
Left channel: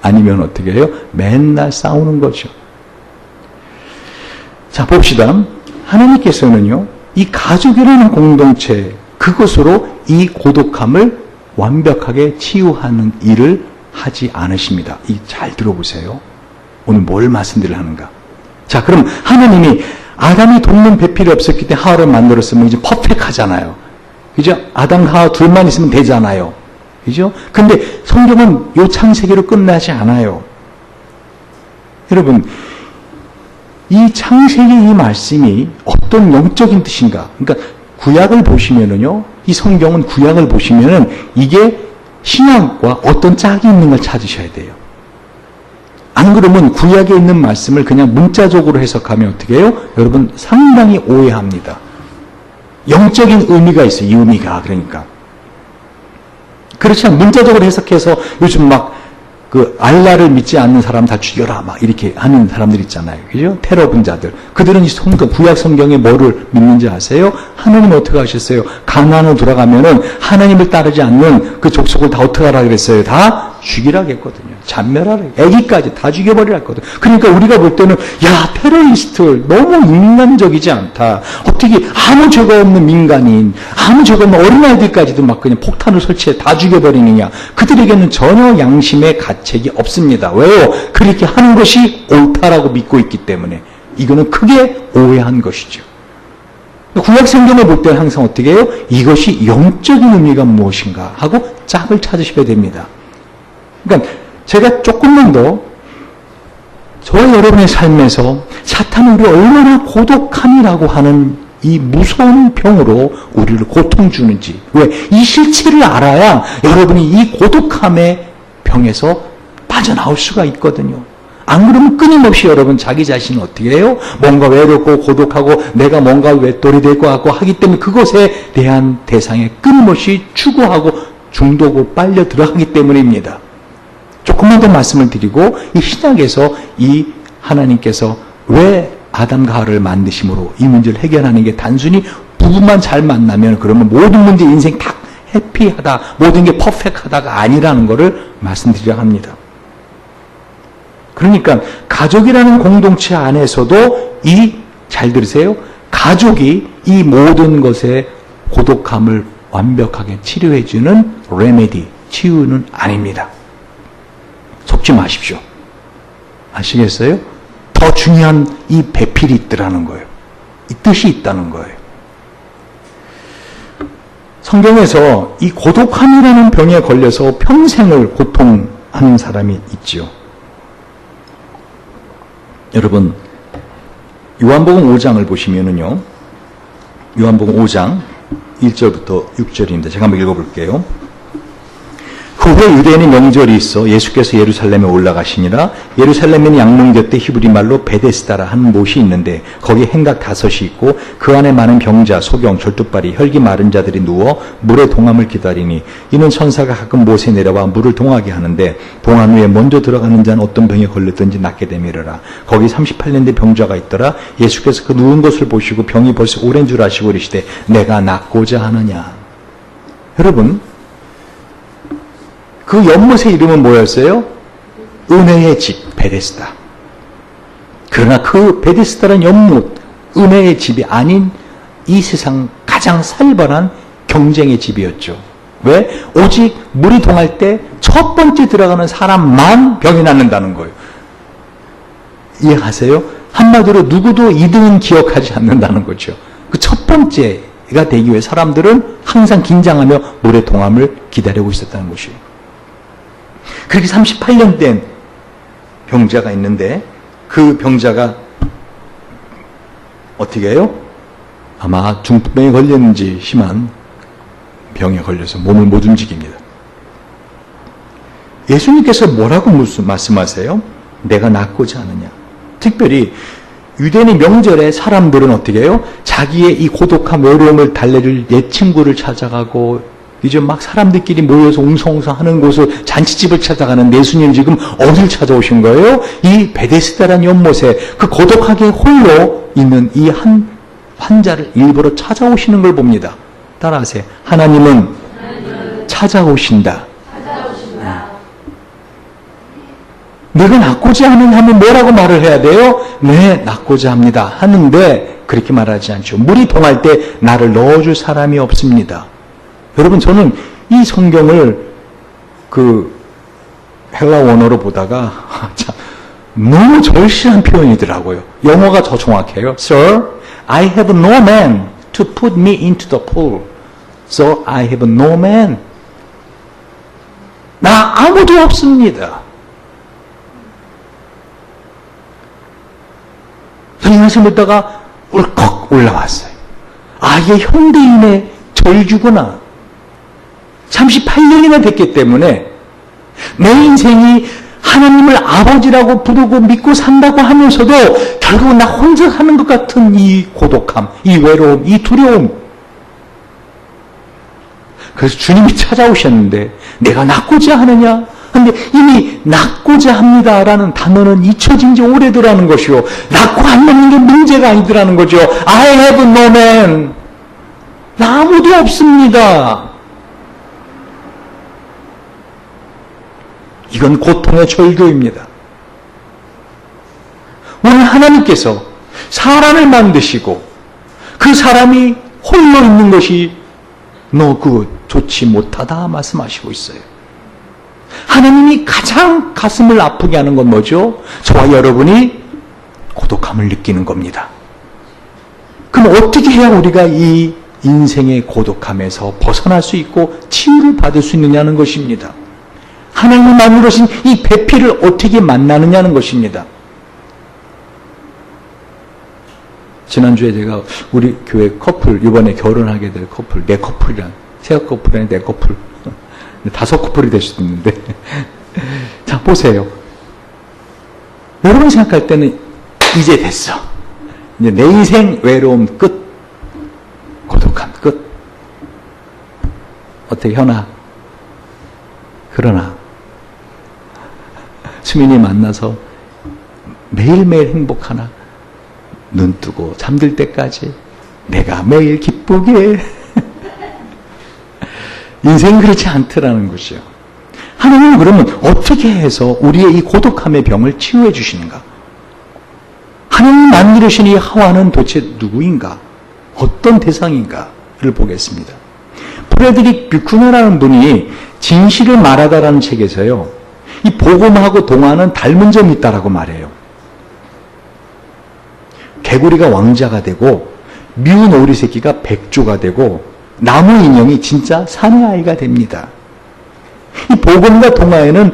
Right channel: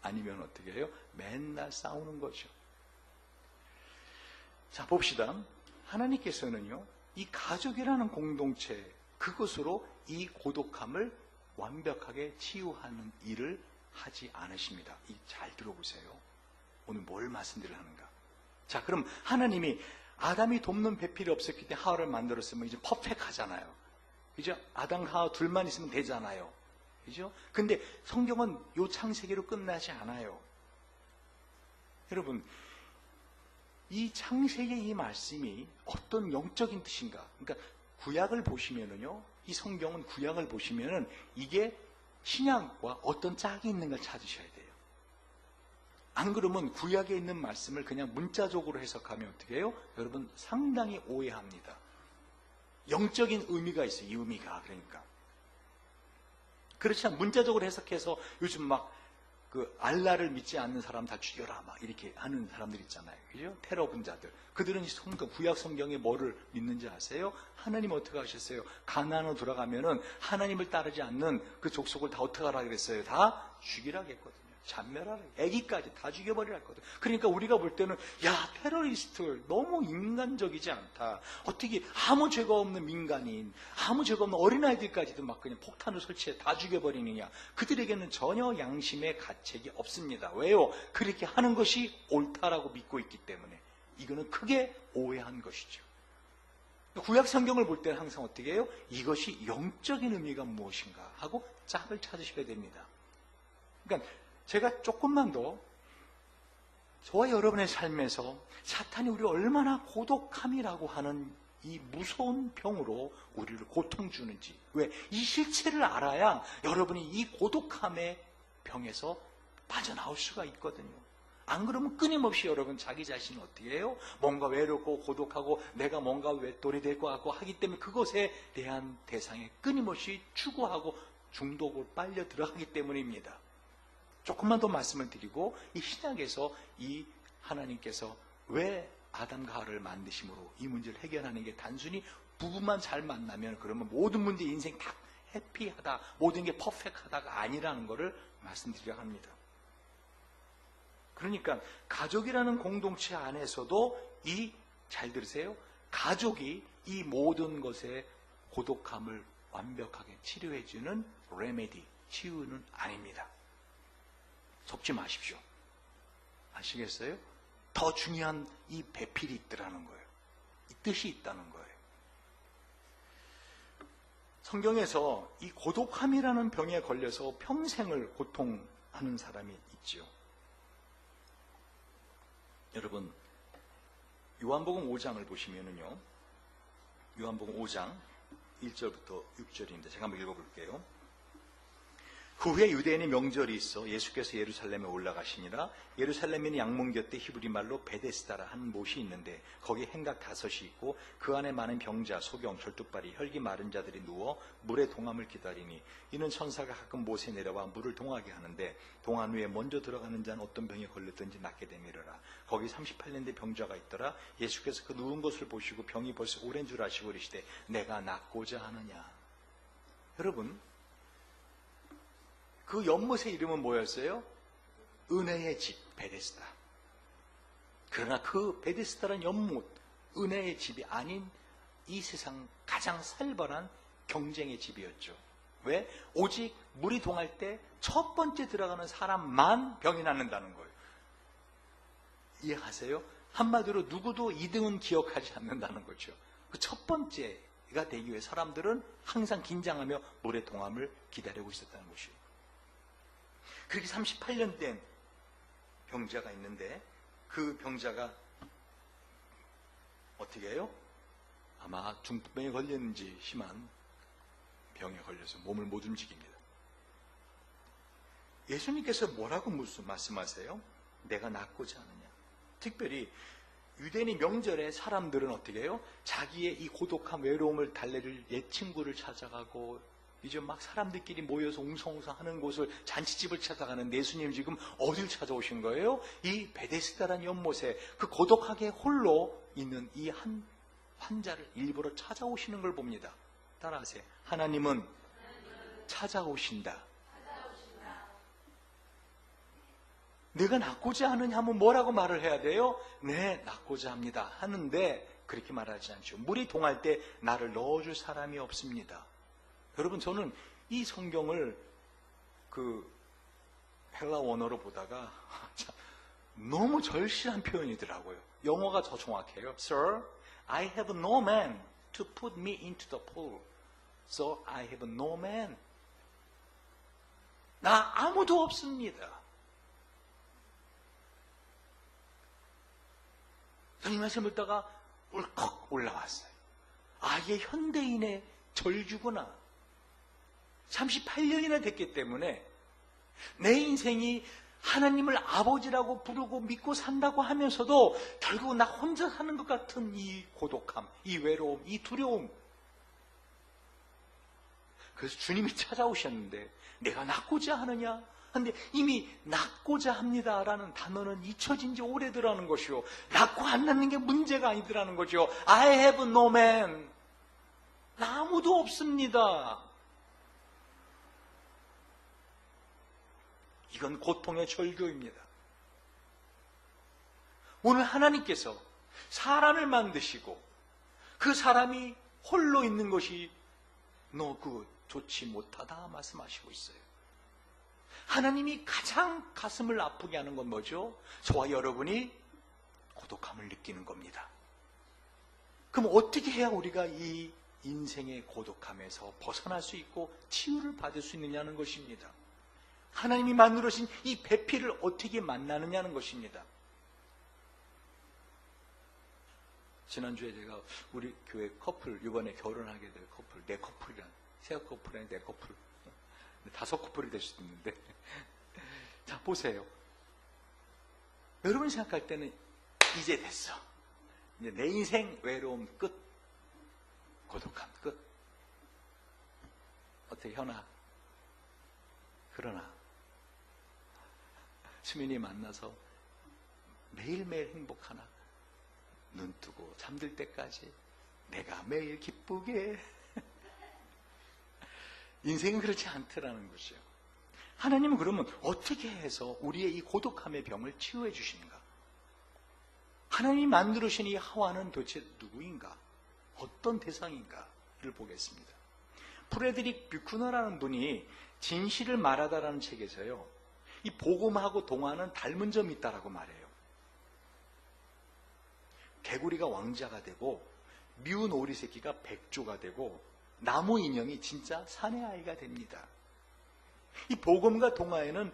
아니면 어떻게 해요? 맨날 싸우는 거죠. 자, 봅시다. 하나님께서는요, 이 가족이라는 공동체, 그 그것으로 이 고독함을 완벽하게 치유하는 일을 하지 않으십니다. 잘 들어보세요. 오늘 뭘 말씀드리려 하는가. 자, 그럼 하나님이 아담이 돕는 배필이 없었기 때문에 하와를 만들었으면 이제 퍼펙트하잖아요. 그죠? 아담과 하와 둘만 있으면 되잖아요. 그죠? 근데 성경은 요 창세기로 끝나지 않아요. 여러분, 이 창세기 이 말씀이 어떤 영적인 뜻인가? 그러니까 구약을 보시면은요, 이 성경은 구약을 보시면은 이게 신약과 어떤 짝이 있는 걸 찾으셔야 돼요. 안 그러면 구약에 있는 말씀을 그냥 문자적으로 해석하면 어떻게 해요? 여러분 상당히 오해합니다. 영적인 의미가 있어요. 이 의미가. 그러니까 그렇지 않아 문자적으로 해석해서 요즘 막 알라를 믿지 않는 사람 다 죽여라 막 이렇게 하는 사람들 있잖아요. 그죠? 테러 분자들. 그들은 이 성경, 구약 성경에 뭐를 믿는지 아세요? 하나님 어떻게 하셨어요? 가나안으로 돌아가면은 하나님을 따르지 않는 그 족속을 다 어떻게 하라 그랬어요? 다 죽이라 했거든요. 잔멸하라. 애기까지 다 죽여버리라 했거든요. 그러니까 우리가 볼 때는 야, 테러리스트 너무 인간적이지 않다. 어떻게 아무 죄가 없는 민간인, 아무 죄가 없는 어린아이들까지도 막 그냥 폭탄을 설치해 다 죽여버리느냐. 그들에게는 전혀 양심의 가책이 없습니다. 왜요? 그렇게 하는 것이 옳다라고 믿고 있기 때문에. 이거는 크게 오해한 것이죠. 구약 성경을 볼 때는 항상 어떻게 해요? 이것이 영적인 의미가 무엇인가 하고 짝을 찾으셔야 됩니다. 그러니까 제가 조금만 더 저와 여러분의 삶에서 사탄은 우리 얼마나 고독함이라고 하는 이 무서운 병으로 우리를 고통 주는지, 왜? 이 실체를 알아야 여러분이 이 고독함의 병에서 빠져나올 수가 있거든요. 안 그러면 끊임없이 여러분 자기 자신을 어떻게 해요? 뭔가 외롭고 고독하고 내가 뭔가 외톨이 될 것 같고 하기 때문에 그것에 대한 대상에 끊임없이 추구하고 중독으로 빨려 들어가기 때문입니다. 조금만 더 말씀을 드리고 이 신약에서 이 하나님께서 왜 아담과 하와를 만드심으로 이 문제를 해결하는 게 단순히 부부만 잘 만나면 그러면 모든 문제 인생 다 해피하다, 모든 게 퍼펙트하다가 아니라는 것을 말씀드리려 합니다. 그러니까 가족이라는 공동체 안에서도 잘 들으세요. 가족이 이 모든 것의 고독함을 완벽하게 치료해주는 레메디, 치유는 아닙니다. 속지 마십시오. 아시겠어요? 더 중요한 이 배필이 있더라는 거예요. 이 뜻이 있다는 거예요. 성경에서 이 고독함이라는 병에 걸려서 평생을 고통하는 사람이 있죠. 여러분, 요한복음 5장을 보시면은요, 요한복음 5장 1절부터 6절입니다. 제가 한번 읽어볼게요. 그 후에 유대인의 명절이 있어 예수께서 예루살렘에 올라가시니라. 예루살렘에는 양문 곁에 히브리 말로 베데스다라 하는 못이 있는데 거기 행각 5이 있고 그 안에 많은 병자, 소경, 절뚝발이, 혈기 마른 자들이 누워 물의 동함을 기다리니 이는 천사가 가끔 못에 내려와 물을 동하게 하는데 동함 위에 먼저 들어가는 자는 어떤 병에 걸렸든지 낫게 되미르라. 거기 38년 된 병자가 있더라. 예수께서 그 누운 것을 보시고 병이 벌써 오랜 줄 아시고 이르시되 내가 낫고자 하느냐. 여러분, 그 연못의 이름은 뭐였어요? 은혜의 집, 베데스다. 그러나 그 베데스다라는 연못, 은혜의 집이 아닌 이 세상 가장 살벌한 경쟁의 집이었죠. 왜? 오직 물이 동할 때 첫 번째 들어가는 사람만 병이 낫는다는 거예요. 이해하세요? 한마디로 누구도 2등은 기억하지 않는다는 거죠. 그 첫 번째가 되기 위해 사람들은 항상 긴장하며 물의 동함을 기다리고 있었다는 것이에요. 그렇게 38년 된 병자가 있는데 그 병자가 어떻게 해요? 아마 중풍병에 걸렸는지 심한 병에 걸려서 몸을 못 움직입니다. 예수님께서 뭐라고 말씀하세요? 내가 낫고자 하느냐. 특별히 유대인의 명절에 사람들은 어떻게 해요? 자기의 이 고독한 외로움을 달래줄 옛 친구를 찾아가고 이제 막 사람들끼리 모여서 웅성웅성 하는 곳을 잔치집을 찾아가는 예수님 지금 어딜 찾아오신 거예요? 이 베데스다라는 연못에 그 고독하게 홀로 있는 이 한 환자를 일부러 찾아오시는 걸 봅니다. 따라하세요. 하나님은 찾아오신다. 내가 낫고자 하면 뭐라고 말을 해야 돼요? 네, 낫고자 합니다. 하는데 그렇게 말하지 않죠. 물이 동할 때 나를 넣어줄 사람이 없습니다. 여러분, 저는 이 성경을 헬라 원어로 보다가 참 너무 절실한 표현이더라고요. 영어가 더 정확해요. Sir, I have no man to put me into the pool. So I have no man. 나 아무도 없습니다. 저는 말씀 듣다가 울컥 올라왔어요. 아, 이게 현대인의 절규구나. 38년이나 됐기 때문에 내 인생이 하나님을 아버지라고 부르고 믿고 산다고 하면서도 결국 나 혼자 하는 것 같은 이 고독함, 이 외로움, 이 두려움. 그래서 주님이 찾아오셨는데 내가 낫고자 하느냐? 근데 이미 낫고자 합니다라는 단어는 잊혀진 지 오래더라는 것이요. 낫고 안 낫는 게 문제가 아니더라는 거죠. I have no man. 나 아무도 없습니다. 이건 고통의 절규입니다. 오늘 하나님께서 사람을 만드시고 그 사람이 홀로 있는 것이 no good, 좋지 못하다 말씀하시고 있어요. 하나님이 가장 가슴을 아프게 하는 건 뭐죠? 저와 여러분이 고독함을 느끼는 겁니다. 그럼 어떻게 해야 우리가 이 인생의 고독함에서 벗어날 수 있고 치유를 받을 수 있느냐는 것입니다. 하나님이 만들어신 이 배필을 어떻게 만나느냐는 것입니다. 지난주에 제가 우리 교회 커플, 이번에 결혼하게 될 커플, 내 커플이란, 세 커플이 아니라 내 커플, 5 커플이 될 수도 있는데. 자, 보세요. 여러분 생각할 때는 이제 됐어. 이제 내 인생 외로움 끝. 고독함 끝. 어떻게 현아? 그러나 수민이 만나서 매일매일 행복하나? 눈 뜨고 잠들 때까지 내가 매일 기쁘게. 인생이 그렇지 않더라는 것이요. 하나님은 그러면 어떻게 해서 우리의 이 고독함의 병을 치유해 주시는가? 하나님 만들으신 이 하와는 도대체 누구인가? 어떤 대상인가를 보겠습니다. 프레드릭 뷰크너라는 분이 진실을 말하다라는 책에서요, 이 복음하고 동화는 닮은 점이 있다라고 말해요. 개구리가 왕자가 되고 미운 오리 새끼가 백조가 되고 나무 인형이 진짜 사내아이가 됩니다. 이 복음과 동화에는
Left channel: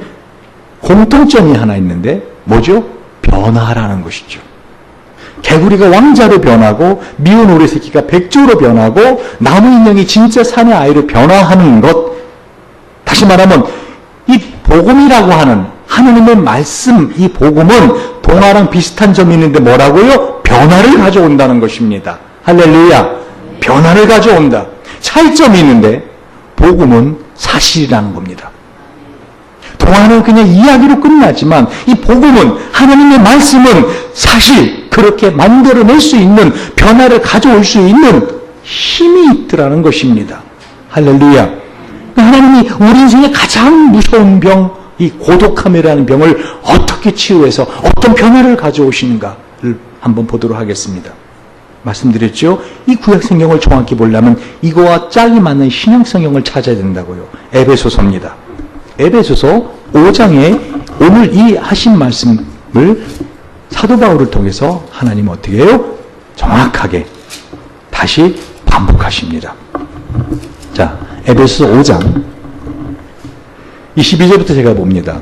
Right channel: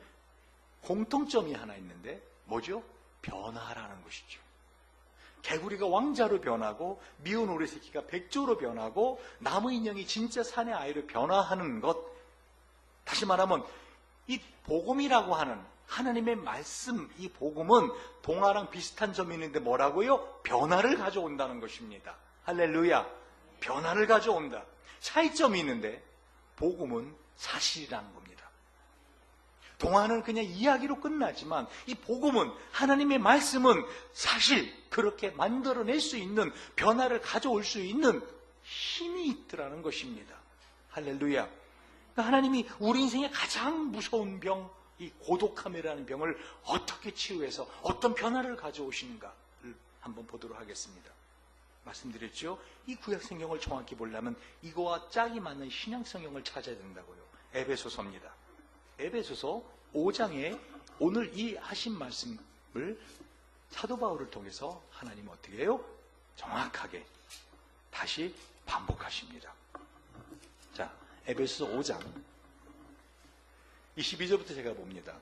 공통점이 하나 있는데 뭐죠? 변화라는 것이죠. 개구리가 왕자로 변하고 미운 오리 새끼가 백조로 변하고 나무 인형이 진짜 사내아이로 변화하는 것. 다시 말하면 이 복음이라고 하는 하느님의 말씀, 이 복음은 동화랑 비슷한 점이 있는데 뭐라고요? 변화를 가져온다는 것입니다. 할렐루야. 변화를 가져온다. 차이점이 있는데 복음은 사실이라는 겁니다. 동화는 그냥 이야기로 끝나지만 이 복음은, 하나님의 말씀은 사실 그렇게 만들어낼 수 있는, 변화를 가져올 수 있는 힘이 있더라는 것입니다. 할렐루야. 하나님이 우리 인생의 가장 무서운 병, 이 고독함이라는 병을 어떻게 치유해서 어떤 변화를 가져오시는가를 한번 보도록 하겠습니다. 말씀드렸죠? 이 구약성경을 정확히 보려면 이거와 짝이 맞는 신약성경을 찾아야 된다고요. 에베소서입니다. 에베소서 5장에 오늘 이 하신 말씀을 사도 바울을 통해서 하나님은 어떻게 해요? 정확하게 다시 반복하십니다. 자, 에베소서 5장 22절부터 제가 봅니다.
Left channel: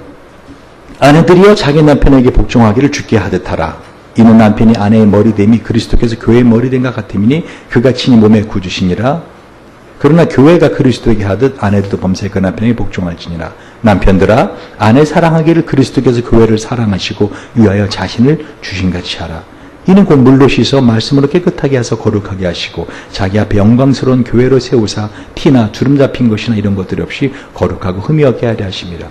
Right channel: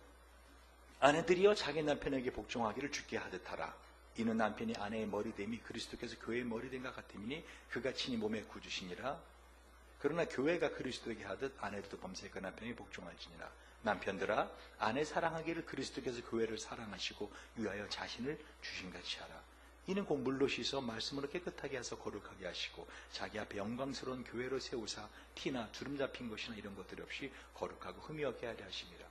아내들이여 자기 남편에게 복종하기를 주께 하듯 하라. 이는 남편이 아내의 머리됨이 그리스도께서 교회의 머리됨과 같음이니 그가 친히 몸에 구주시니라. 그러나 교회가 그리스도에게 하듯 아내들도 범사에 그 남편에게 복종할지니라. 남편들아, 아내 사랑하기를 그리스도께서 교회를 사랑하시고 위하여 자신을 주신같이 하라. 이는 곧 물로 씻어 말씀으로 깨끗하게 하사 거룩하게 하시고 자기 앞에 영광스러운 교회로 세우사 티나 주름 잡힌 것이나 이런 것들이 없이 거룩하고 흠이 없게 하려 하심이라.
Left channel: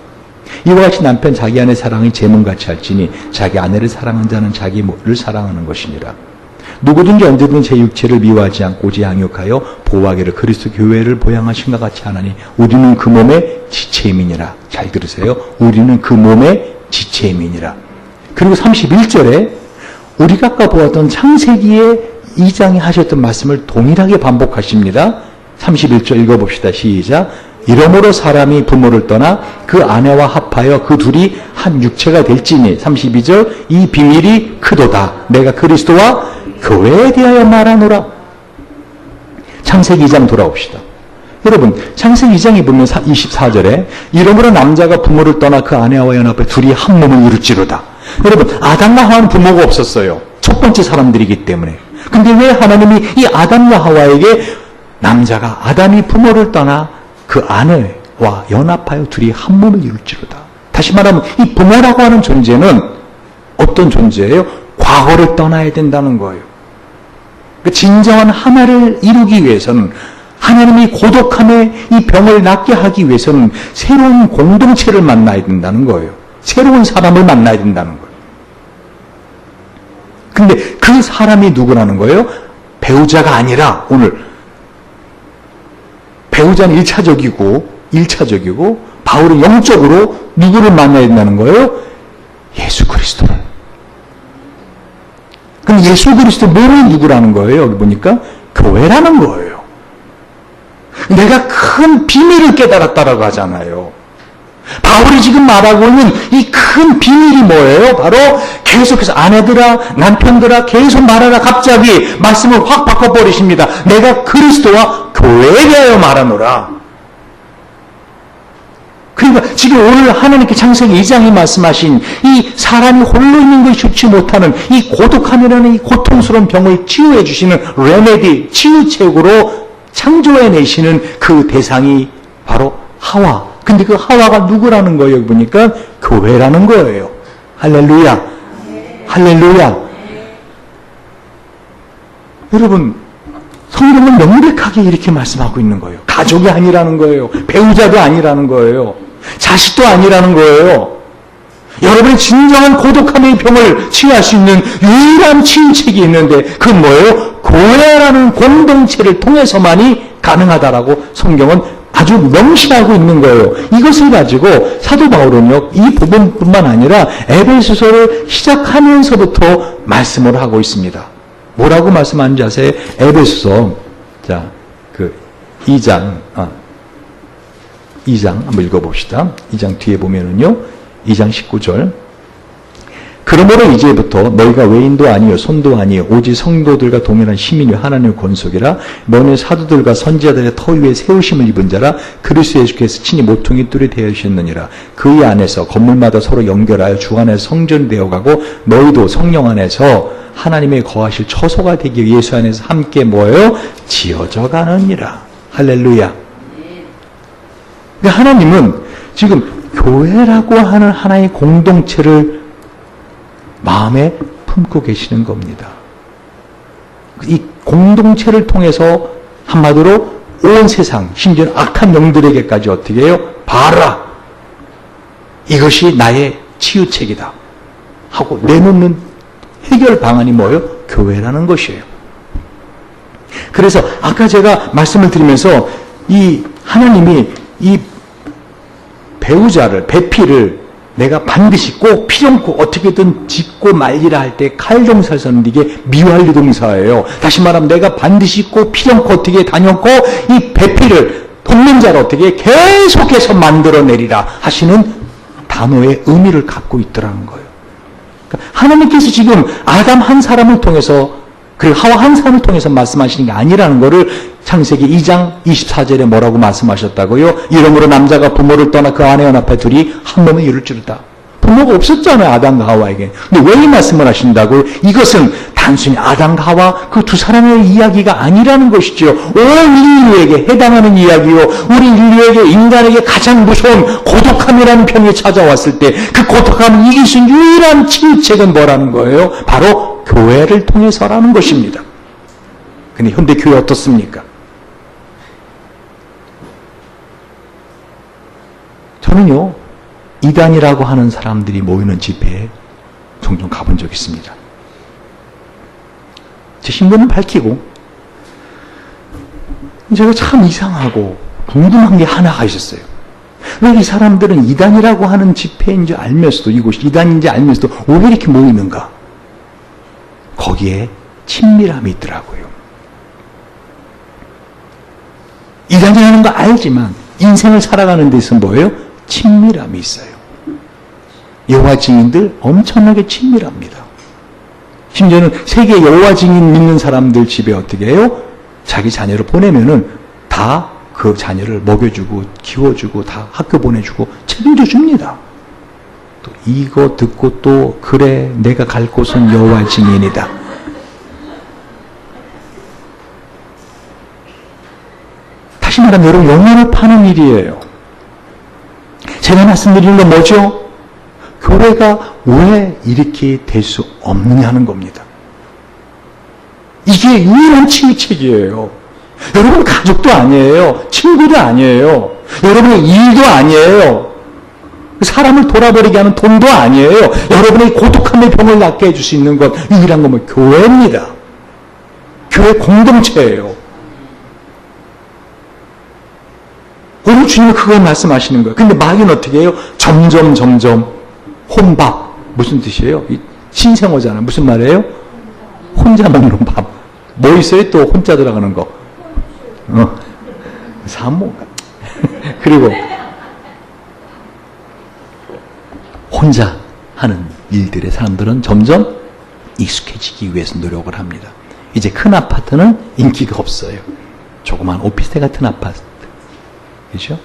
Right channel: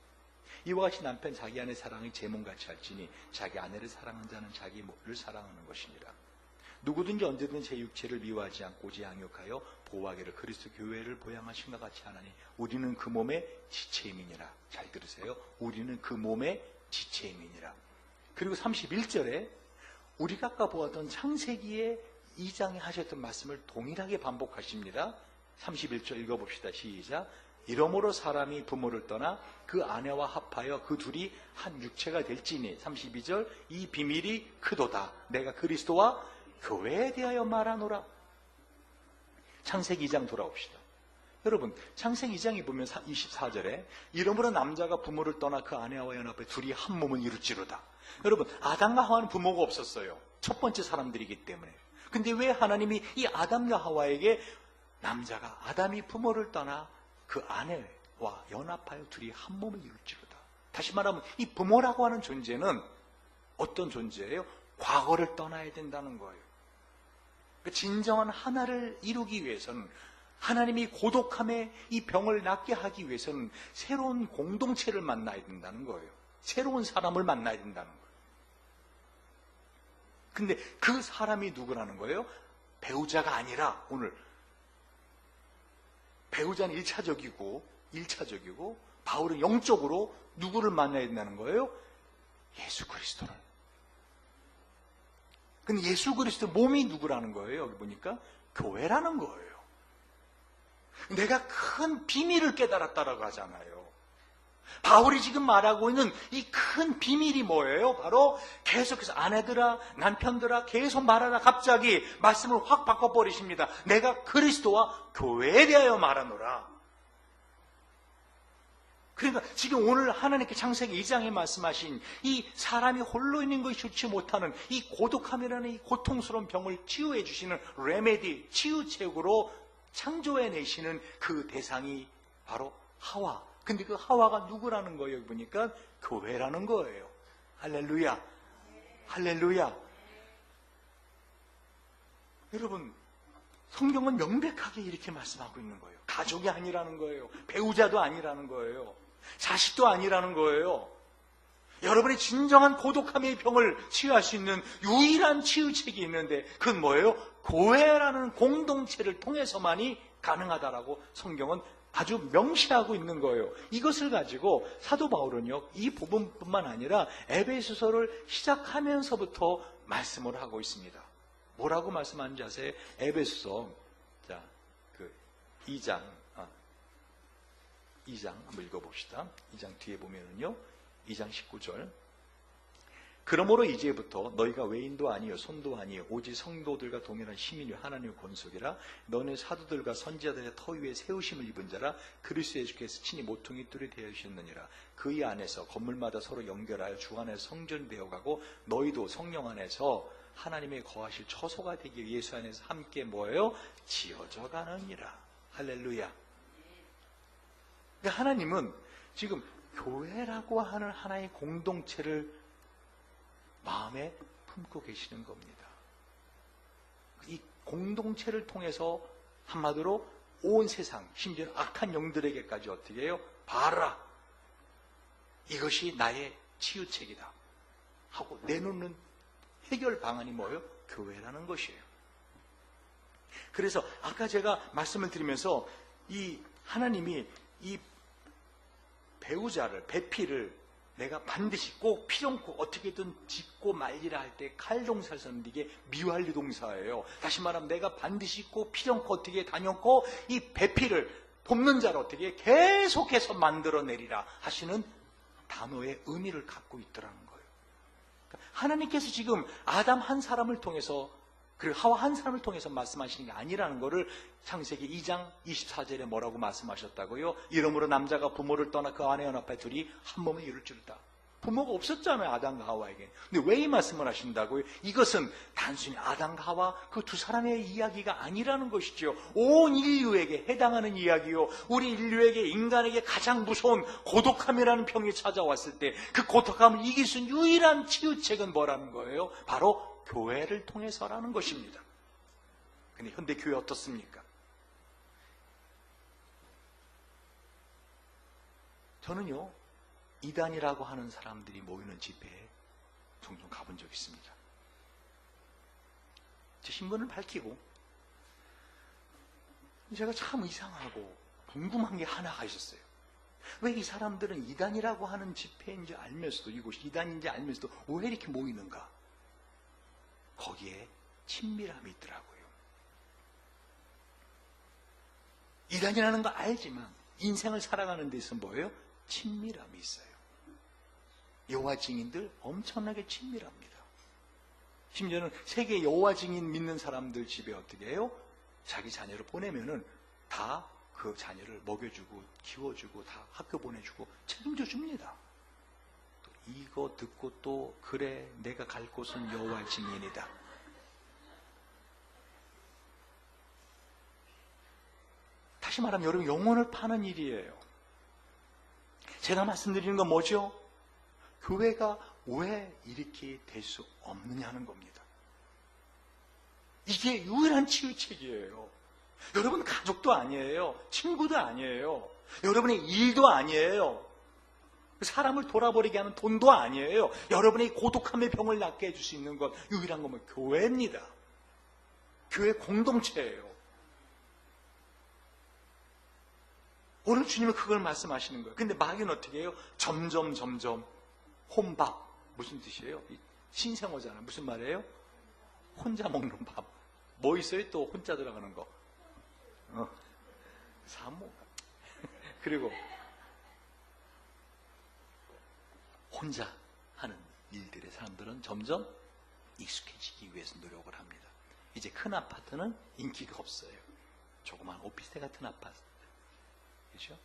이와 같이 남편 자기 아내 사랑이 제 몸같이 할지니 자기 아내를 사랑한 자는 자기를 사랑하는 것이니라. 누구든지 언제든 제 육체를 미워하지 않고 오직 양육하여 보호하기를 그리스도 교회를 보양하신 것 같이 하나니 우리는 그 몸의 지체임이니라. 잘 들으세요. 우리는 그 몸의 지체임이니라. 그리고 31절에 우리가 아까 보았던 창세기의 2장에 하셨던 말씀을 동일하게 반복하십니다. 31절 읽어봅시다. 시작. 이러므로 사람이 부모를 떠나 그 아내와 합하여 그 둘이 한 육체가 될지니 32절 이 비밀이 크도다. 내가 그리스도와 교회에 대하여 말하노라. 창세기 2장 돌아옵시다. 여러분 창세기 2장에 보면 24절에 이러므로 남자가 부모를 떠나 그 아내와 연합해 둘이 한 몸을 이룰지로다. 여러분 아담과 하와는 부모가 없었어요. 첫 번째 사람들이기 때문에. 근데 왜 하나님이 이 아담과 하와에게 남자가 아담이 부모를 떠나 그 아내와 연합하여 둘이 한 몸을 이룰지로다. 다시 말하면 이 부모라고 하는 존재는 어떤 존재예요? 과거를 떠나야 된다는 거예요. 그러니까 진정한 하나를 이루기 위해서는 하나님이 고독함의 이 병을 낫게 하기 위해서는 새로운 공동체를 만나야 된다는 거예요. 새로운 사람을 만나야 된다는 거예요. 근데 그 사람이 누구라는 거예요? 배우자가 아니라 오늘 배우자는 1차적이고 바울은 영적으로 누구를 만나야 된다는 거예요? 예수 그리스도를. 그럼 예수 그리스도 뭐를 누구라는 거예요? 여기 보니까 교회라는 거예요. 내가 큰 비밀을 깨달았다라고 하잖아요. 바울이 지금 말하고 있는 이 큰 비밀이 뭐예요? 바로 계속해서 아내들아 남편들아 계속 말하라 갑자기 말씀을 확 바꿔버리십니다. 내가 그리스도와 교회에 대하여 말하노라. 그러니까 지금 오늘 하나님께 창세기 2장이 말씀하신 이 사람이 홀로 있는 것이 좋지 못하는 이 고독함이라는 이 고통스러운 병을 치유해 주시는 레메디, 치유책으로 창조해내시는 그 대상이 바로 하와. 근데 그 하와가 누구라는 거예요? 여기 보니까 교회라는 거예요. 할렐루야. 할렐루야. 여러분, 성경은 명백하게 이렇게 말씀하고 있는 거예요. 가족이 아니라는 거예요. 배우자도 아니라는 거예요. 자식도 아니라는 거예요. 여러분이 진정한 고독함의 병을 치유할 수 있는 유일한 치유책이 있는데 그건 뭐예요? 교회라는 공동체를 통해서만이 가능하다라고 성경은 아주 명시하고 있는 거예요. 이것을 가지고 사도 바울은요, 이 부분뿐만 아니라 에베소서를 시작하면서부터 말씀을 하고 있습니다. 뭐라고 말씀하는지 아세요? 에베소서, 자, 2장 한번 읽어봅시다. 2장 뒤에 보면은요, 2장 19절. 그러므로 이제부터 너희가 외인도 아니요 손도 아니요 오직 성도들과 동일한 시민이 하나님의 권속이라 너는 사도들과 선지자들의 터 위에 세우심을 입은 자라 그리스도 예수께서 친히 모퉁이 뚫이 되으셨느니라. 그의 안에서 건물마다 서로 연결하여 주 안에서 성전이 되어가고 너희도 성령 안에서 하나님의 거하실 처소가 되기 위해 예수 안에서 함께 뭐예요? 지어져 가느니라. 할렐루야. 그러니까 하나님은 지금 교회라고 하는 하나의 공동체를 마음에 품고 계시는 겁니다. 이 공동체를 통해서 한마디로 온 세상, 심지어 악한 영들에게까지 어떻게 해요? 봐라! 이것이 나의 치유책이다. 하고 내놓는 해결 방안이 뭐예요? 교회라는 것이에요. 그래서 아까 제가 말씀을 드리면서 이 하나님이 이 배우자를, 배필을 내가 반드시 꼭 필연코 어떻게든 짓고 말리라 할 때 칼동사를 썼는데 이게 미완료 동사예요. 다시 말하면 내가 반드시 꼭 필연코 어떻게 다녔고 이 배필을 돕는 자를 어떻게 계속해서 만들어내리라 하시는 단어의 의미를 갖고 있더라는 거예요. 그러니까 하나님께서 지금 아담 한 사람을 통해서 그리고 하와 한 사람을 통해서 말씀하시는 게 아니라는 것을 창세기 2장 24절에 뭐라고 말씀하셨다고요? 이러므로 남자가 부모를 떠나 그 아내 연합해 둘이 한 몸을 이룰지로다. 부모가 없었잖아요, 아담과 하와에게. 근데 왜 이 말씀을 하신다고요? 이것은 단순히 아담과 하와 그 두 사람의 이야기가 아니라는 것이죠. 온 인류에게 해당하는 이야기요. 우리 인류에게, 인간에게 가장 무서운 고독함이라는 병이 찾아왔을 때 그 고독함을 이길 수 있는 유일한 치유책은 뭐라는 거예요? 바로 교회를 통해서라는 것입니다. 근데 현대 교회 어떻습니까? 저는요, 이단이라고 하는 사람들이 모이는 집회에 종종 가본 적이 있습니다. 제 신분을 밝히고, 제가 참 이상하고 궁금한 게 하나가 있었어요. 왜 이 사람들은 이단이라고 하는 집회인지 알면서도, 이곳이 이단인지 알면서도 왜 이렇게 모이는가? 거기에 친밀함이 있더라고요. 이단이라는 거 알지만 인생을 살아가는 데서 뭐예요? 친밀함이 있어요. 여호와 증인들 엄청나게 친밀합니다. 심지어는 세계 여호와 증인 믿는 사람들 집에 어떻게 해요? 자기 자녀를 보내면은 다 그 자녀를 먹여주고 키워주고 다 학교 보내주고 책임져 줍니다. 또 이거 듣고 또 그래 내가 갈 곳은 여호와 증인이다. 다시 말하면 여러분 영혼을 파는 일이에요. 제가 말씀드리는 건 뭐죠? 교회가 왜 이렇게 될 수 없느냐는 겁니다. 이게 유일한 치유책이에요. 여러분 가족도 아니에요. 친구도 아니에요. 여러분의 일도 아니에요. 사람을 돌아버리게 하는 돈도 아니에요. 여러분의 고독함의 병을 낫게 해줄 수 있는 것 유일한 건 교회입니다. 교회 공동체예요. 오늘 주님은 그걸 말씀하시는 거예요. 근데 마귀는 어떻게 해요? 점점 혼밥. 무슨 뜻이에요? 신생어잖아요. 무슨 말이에요? 혼자 먹는 밥. 뭐 있어요? 또 혼자 들어가는 거. 사모가. 그리고 혼자 하는 일들에 사람들은 점점 익숙해지기 위해서 노력을 합니다. 이제 큰 아파트는 인기가 없어요. 조그만 오피스텔 같은 아파트. 그렇죠?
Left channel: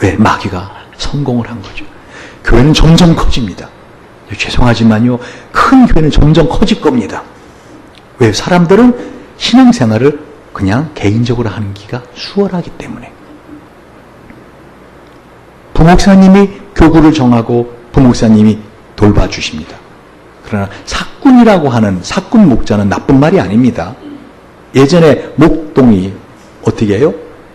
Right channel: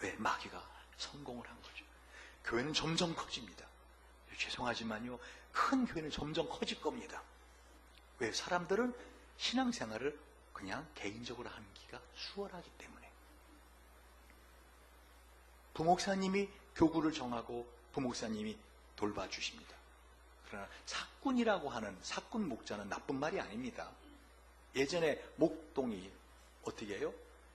왜? 마귀가 성공을 한 거죠. 교회는 점점 커집니다. 죄송하지만요, 큰 교회는 점점 커질 겁니다. 왜? 사람들은 신앙생활을 그냥 개인적으로 하는 기가 수월하기 때문에. 부목사님이 교구를 정하고 부목사님이 돌봐주십니다. 그러나 사꾼이라고 하는 사꾼 목자는 나쁜 말이 아닙니다. 예전에 목동이 어떻게 해요?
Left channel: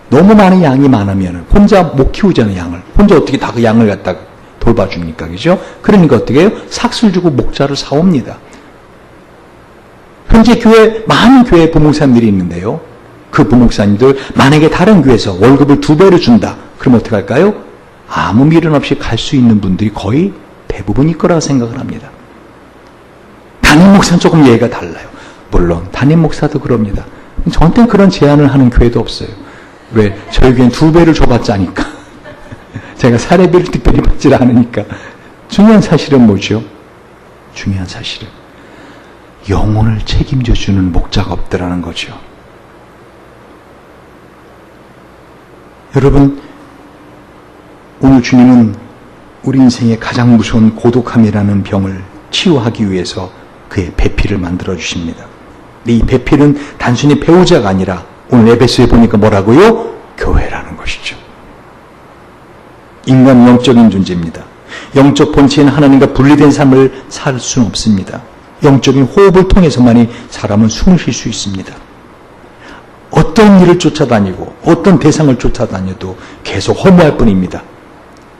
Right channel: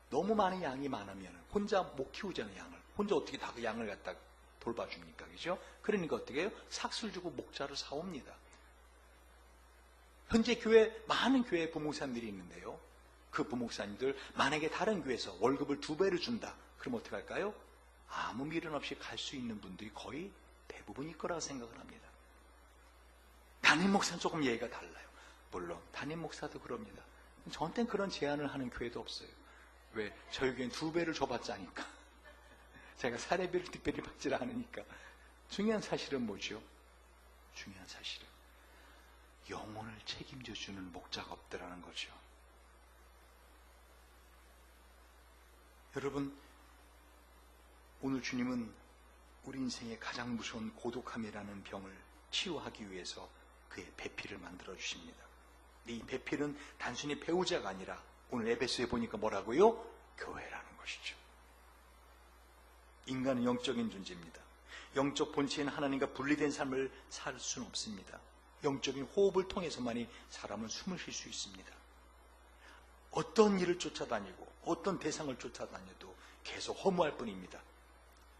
너무 많은 양이 많으면 혼자 못 키우잖아요, 양을. 혼자 어떻게 다 그 양을 갖다가 돌봐줍니까? 그죠? 그러니까 어떻게 해요? 삭슬 주고 목자를 사옵니다. 현재 많은 교회 부목사님들이 있는데요. 그 부목사님들, 만약에 다른 교회에서 월급을 2배로 준다. 그럼 어떻게 할까요? 아무 미련 없이 갈 수 있는 분들이 거의 대부분일 거라고 생각을 합니다. 담임 목사는 조금 예가 달라요. 물론 담임 목사도 그럽니다. 저한테는 그런 제안을 하는 교회도 없어요. 왜? 저희 교회는 2배를 줘봤자니까. 제가 사례비를 특별히 받지 않으니까. 중요한 사실은 뭐죠? 중요한 사실은 영혼을 책임져 주는 목자가 없더라는 거죠. 여러분, 오늘 주님은 우리 인생의 가장 무서운 고독함이라는 병을 치유하기 위해서 그의 배필을 만들어 주십니다. 이 배필은 단순히 배우자가 아니라 오늘 에베소에 보니까 뭐라고요? 교회라는 것이죠. 인간 영적인 존재입니다. 영적 본체인 하나님과 분리된 삶을 살 수는 없습니다. 영적인 호흡을 통해서만이 사람은 숨을 쉴 수 있습니다. 어떤 일을 쫓아다니고 어떤 대상을 쫓아다녀도 계속 허무할 뿐입니다.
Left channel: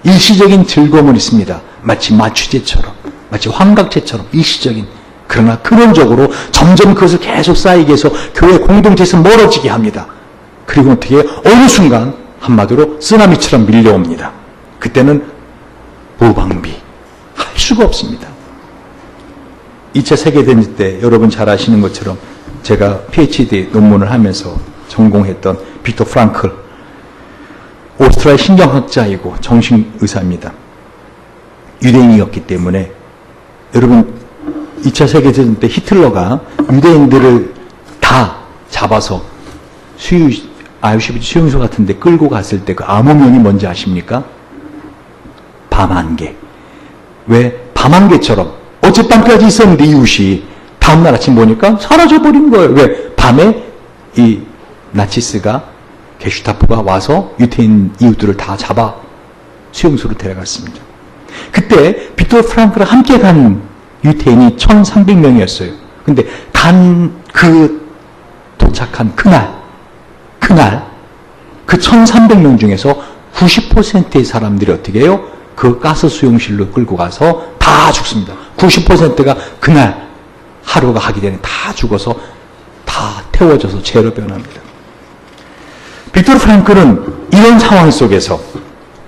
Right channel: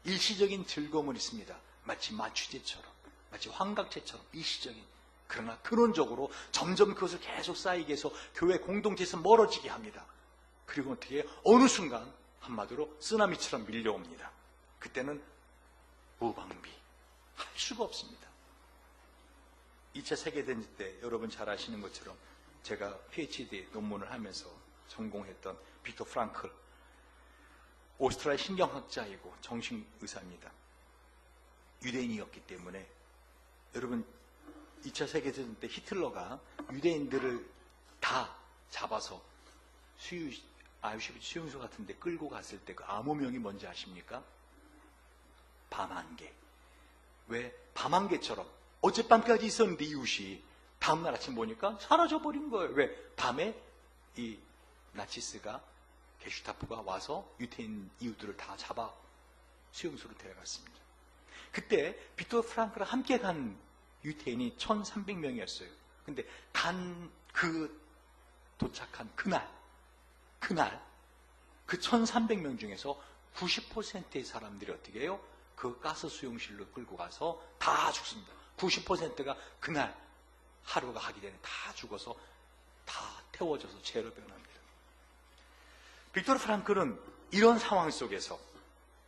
일시적인 즐거움은 있습니다. 마치 마취제처럼, 마치 환각제처럼 일시적인. 그러나 근원적으로 점점 그것을 계속 쌓이게 해서 교회 공동체에서 멀어지게 합니다. 그리고 어떻게 해요? 어느 순간 한마디로 쓰나미처럼 밀려옵니다. 그때는 무방비, 할 수가 없습니다. 2차 세계대전 때 여러분 잘 아시는 것처럼 제가 PhD 논문을 하면서 전공했던 빅터 프랑클, 오스트리아 신경학자이고 정신의사입니다. 유대인이었기 때문에 여러분 2차 세계대전 때 히틀러가 유대인들을 다 잡아서 아우슈비츠 수용소 같은 데 끌고 갔을 때 그 암호명이 뭔지 아십니까? 밤안개. 왜? 밤안개처럼 어젯밤까지 있었는데 이웃이 다음날 아침 보니까 사라져버린 거예요. 왜? 밤에 이 나치스가 게슈타포가 와서 유태인 이웃들을 다 잡아 수용소로 데려갔습니다. 그때 빅토르 프랑크랑 함께 간 유태인이 1300명이었어요. 근데 도착한 그날 그 1300명 중에서 90%의 사람들이 어떻게 해요? 그 가스 수용실로 끌고 가서 다 죽습니다. 90%가 그날 하루가 하기 전에 다 죽어서 다 태워져서 재로 변합니다. 빅토르 프랑클은 이런 상황 속에서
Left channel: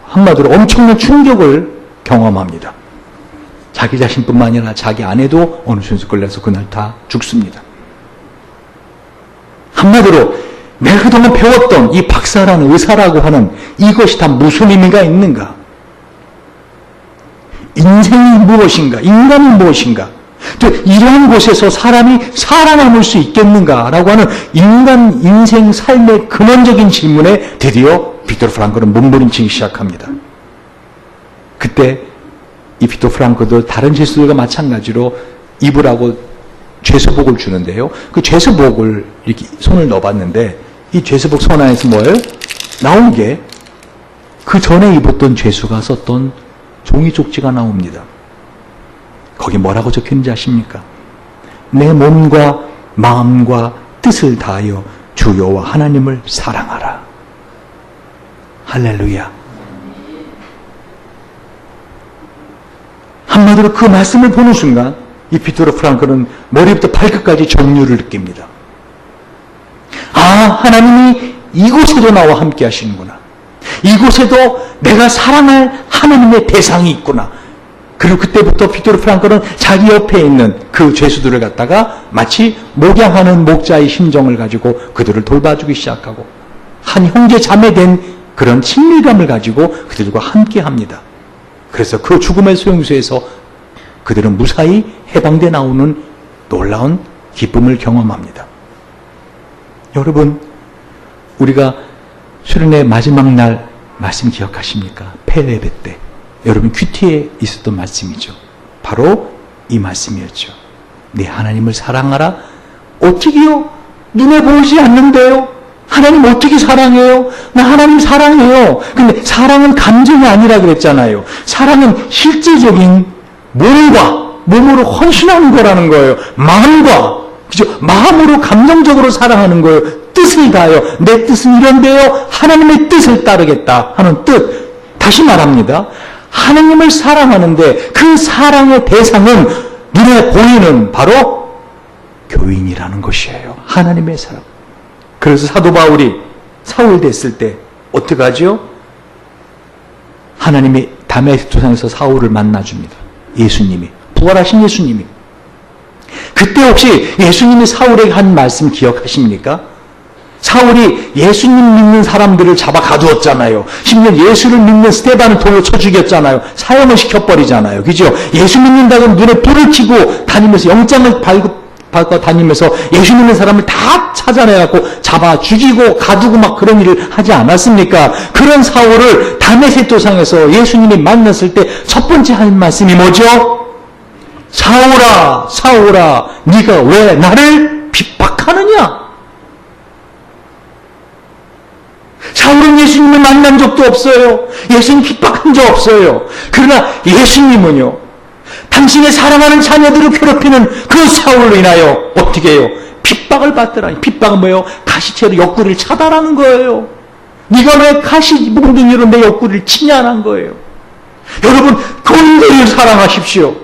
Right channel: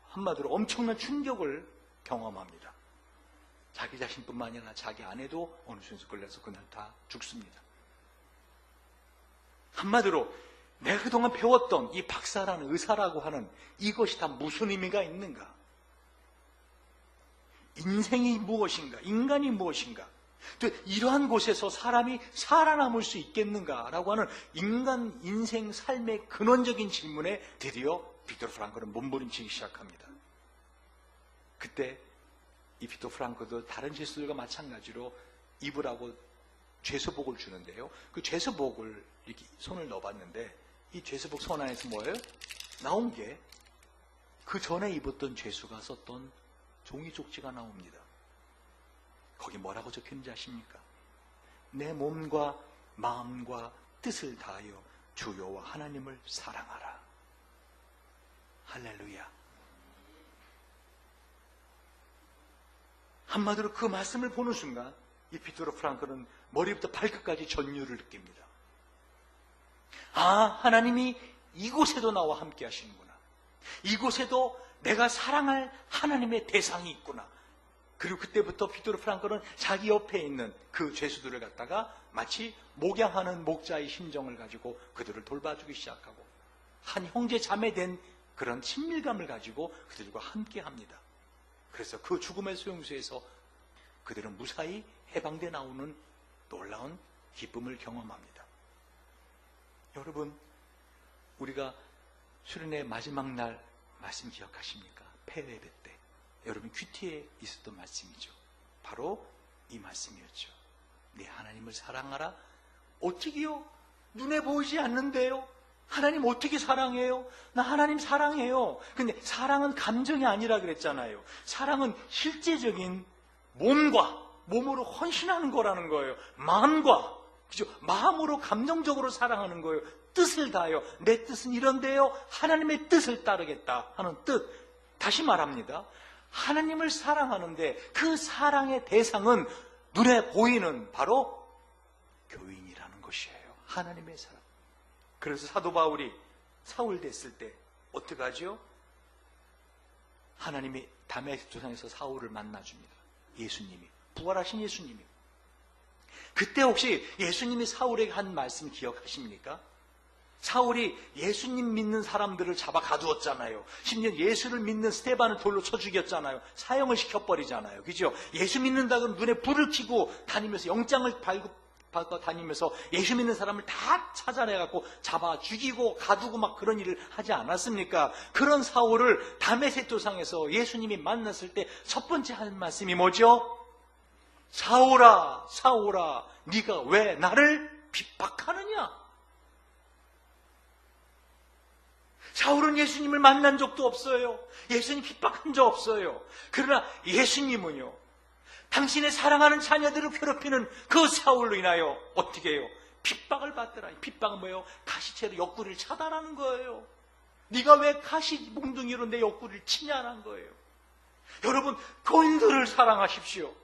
한마디로 엄청난 충격을 경험합니다. 자기 자신뿐만 아니라 자기 아내도 어느 순간 끌려서 그날 다 죽습니다. 한마디로 내가 그동안 배웠던 이 박사라는 의사라고 하는 이것이 다 무슨 의미가 있는가? 인생이 무엇인가? 인간이 무엇인가? 또 이러한 곳에서 사람이 살아남을 수 있겠는가라고 하는 인간 인생 삶의 근원적인 질문에 드디어 빅토르 프랑클은 몸부림치기 시작합니다. 그때 이 빅토르 프랑클도 다른 제수들과 마찬가지로 입으라고 죄수복을 주는데요. 그 죄수복을 이렇게 손을 넣어봤는데 이 죄수복 손 안에서 뭐예요? 나온 게 그 전에 입었던 죄수가 썼던 종이 쪽지가 나옵니다. 거기 뭐라고 적혀있는지 아십니까? 내 몸과 마음과 뜻을 다하여 주 여호와 하나님을 사랑하라. 할렐루야. 한마디로 그 말씀을 보는 순간 이 빅토르 프랑클은 머리부터 발끝까지 정유를 느낍니다. 아, 하나님이 이곳에도 나와 함께 하시는구나. 이곳에도 내가 사랑할 하나님의 대상이 있구나. 그리고 그때부터 빅토르 프랑클은 자기 옆에 있는 그 죄수들을 갖다가 마치 목양하는 목자의 심정을 가지고 그들을 돌봐주기 시작하고 한 형제 자매된 그런 친밀감을 가지고 그들과 함께 합니다. 그래서 그 죽음의 소용소에서 그들은 무사히 해방돼 나오는 놀라운 기쁨을 경험합니다. 여러분, 우리가 수련회 마지막 날 말씀 기억하십니까? 폐례배 때 여러분 큐티에 있었던 말씀이죠. 바로 이 말씀이었죠. 네 하나님을 사랑하라. 어떻게요? 눈에 보이지 않는데요? 하나님 어떻게 사랑해요? 나 하나님 사랑해요. 근데 사랑은 감정이 아니라 그랬잖아요. 사랑은 실제적인 몸으로 헌신하는 거라는 거예요. 마음과, 그죠? 마음으로 감정적으로 사랑하는 거예요. 뜻을 다하여 내 뜻은 이런데요. 하나님의 뜻을 따르겠다 하는 뜻. 다시 말합니다. 하나님을 사랑하는데 그 사랑의 대상은 눈에 보이는 바로 교인이라는 것이에요. 하나님의 사랑. 그래서 사도 바울이 사울 됐을 때 어떻게 하죠? 하나님이 다메섹 도상에서 사울을 만나줍니다. 예수님이, 부활하신 예수님이. 그때 혹시 예수님이 사울에게 한 말씀 기억하십니까? 사울이 예수님 믿는 사람들을 잡아 가두었잖아요. 심지어 예수를 믿는 스데반을 돌로 쳐 죽였잖아요. 사형을 시켜버리잖아요. 그죠? 예수 믿는다고 눈에 불을 켜고 다니면서 영장을 밟고 다니면서 예수 믿는 사람을 다 찾아내갖고 잡아 죽이고 가두고 막 그런 일을 하지 않았습니까? 그런 사울을 다메섹 도상에서 예수님이 만났을 때 첫 번째 한 말씀이 뭐죠? 사울아, 사울아, 네가 왜 나를 핍박하느냐? 사울은 예수님을 만난 적도 없어요. 예수님 핍박한 적 없어요. 그러나 예수님은요, 당신의 사랑하는 자녀들을 괴롭히는 그 사울로 인하여 어떻게 해요? 핍박을 받더라니. 핍박은 뭐예요? 가시채로 옆구리를 차달하는 거예요. 네가 왜 가시 몽둥이로 내 옆구리를 치냐는 거예요. 여러분, 교인들을 사랑하십시오.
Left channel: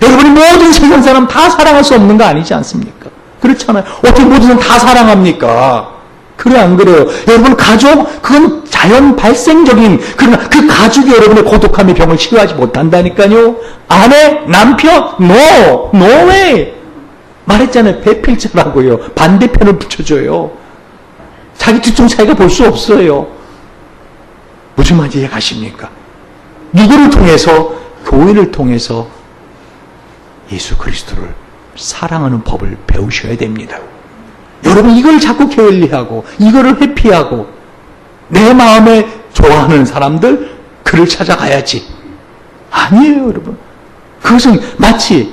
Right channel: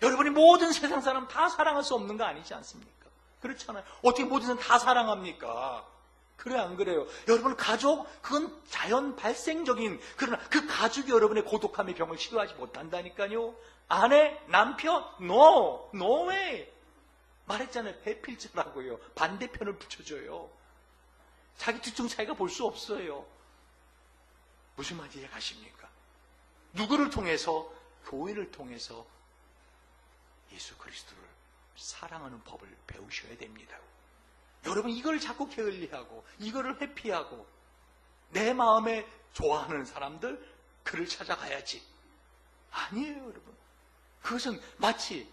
여러분이 모든 세상 사람 다 사랑할 수 없는 거 아니지 않습니까? 그렇잖아요. 어떻게 모든 사람 다 사랑합니까? 그래 안 그래요? 여러분 가족 그건 자연 발생적인, 그러나 그 가족이 여러분의 고독함의 병을 치료하지 못한다니까요. 아내, 남편, no way. 말했잖아요. 배필자라고요. 반대편을 붙여줘요. 자기 뒤쪽 차이가 볼 수 없어요. 무슨 말인지 이해가십니까? 누구를 통해서? 교회를 통해서 예수 그리스도를 사랑하는 법을 배우셔야 됩니다. 여러분 이걸 자꾸 게을리하고 이거를 회피하고 내 마음에 좋아하는 사람들 그를 찾아가야지. 아니에요, 여러분. 그것은 마치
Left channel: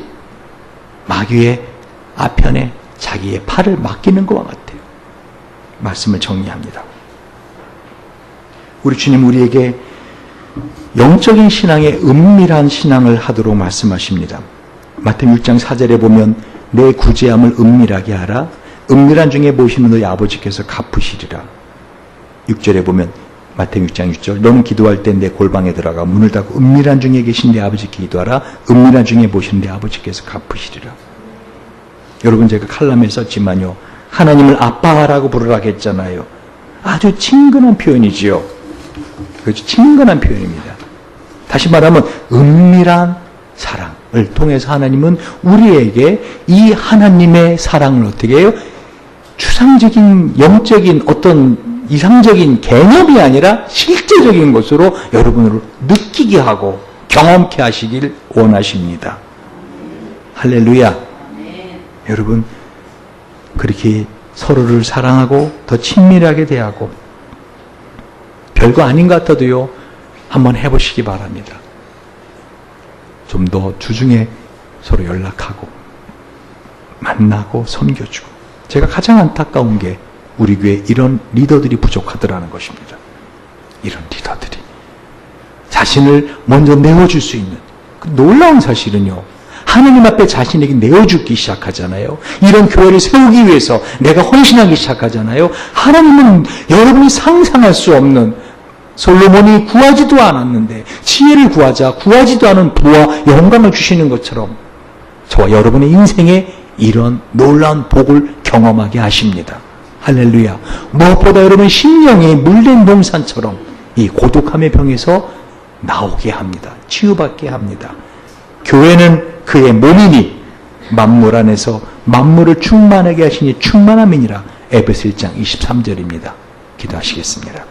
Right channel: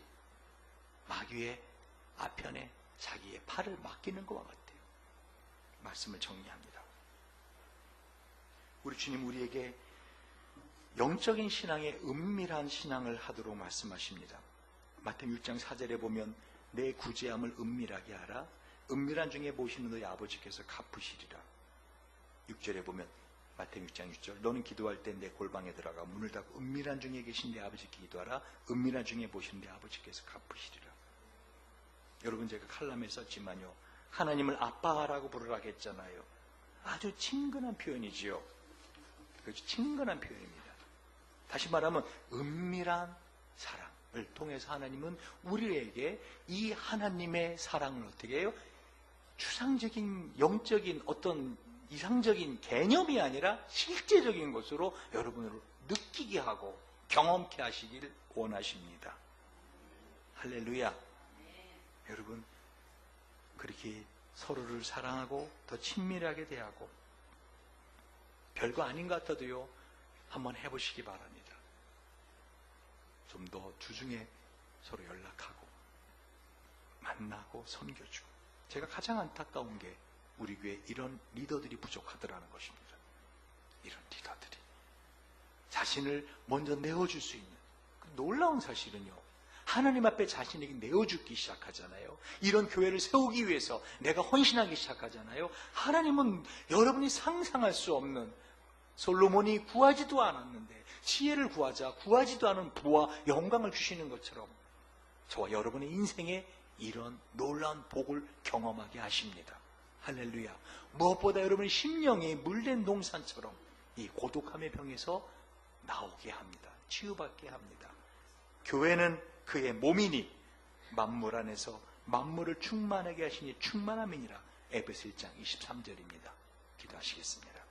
마귀의 아편에 자기의 팔을 맡기는 것과 같아요. 말씀을 정리합니다. 우리 주님 우리에게 영적인 신앙의 은밀한 신앙을 하도록 말씀하십니다. 마태복음 6장 4절에 보면 내 구제함을 은밀하게 하라. 은밀한 중에 모시는 너희 아버지께서 갚으시리라. 6절에 보면 마태복음 6장 6절 너는 기도할 때 내 골방에 들어가 문을 닫고 은밀한 중에 계신 내 아버지께 기도하라. 은밀한 중에 모시는 내 아버지께서 갚으시리라. 여러분 제가 칼럼에 썼지만요. 하나님을 아빠라고 부르라고 했잖아요. 아주 친근한 표현이지요. 그렇죠. 친근한 표현입니다. 다시 말하면 은밀한 사랑을 통해서 하나님은 우리에게 이 하나님의 사랑을 어떻게 해요? 추상적인 영적인 어떤 이상적인 개념이 아니라 실제적인 것으로 여러분을 느끼게 하고 경험케 하시길 원하십니다. 할렐루야. 여러분 그렇게 서로를 사랑하고 더 친밀하게 대하고 별거 아닌 것 같아도요 한번 해보시기 바랍니다. 좀 더 주중에 서로 연락하고 만나고 섬겨주고. 제가 가장 안타까운 게 우리 교회에 이런 리더들이 부족하더라는 것입니다. 이런 리더들이 자신을 먼저 내어줄 수 있는 그 놀라운 사실은요, 하나님 앞에 자신에게 내어주기 시작하잖아요. 이런 교회를 세우기 위해서 내가 헌신하기 시작하잖아요. 하나님은 여러분이 상상할 수 없는, 솔로몬이 구하지도 않았는데 지혜를 구하지도 않은 부와 영광을 주시는 것처럼 저와 여러분의 인생에 이런 놀라운 복을 경험하게 하십니다. 할렐루야. 무엇보다 여러분 심령이 물된 동산처럼 이 고독함의 병에서 나오게 합니다. 치유받게 합니다. 교회는 그의 몸이니 만물 안에서 만물을 충만하게 하시니 충만함이니라. 에베소 1장 23절입니다. 기도하시겠습니다.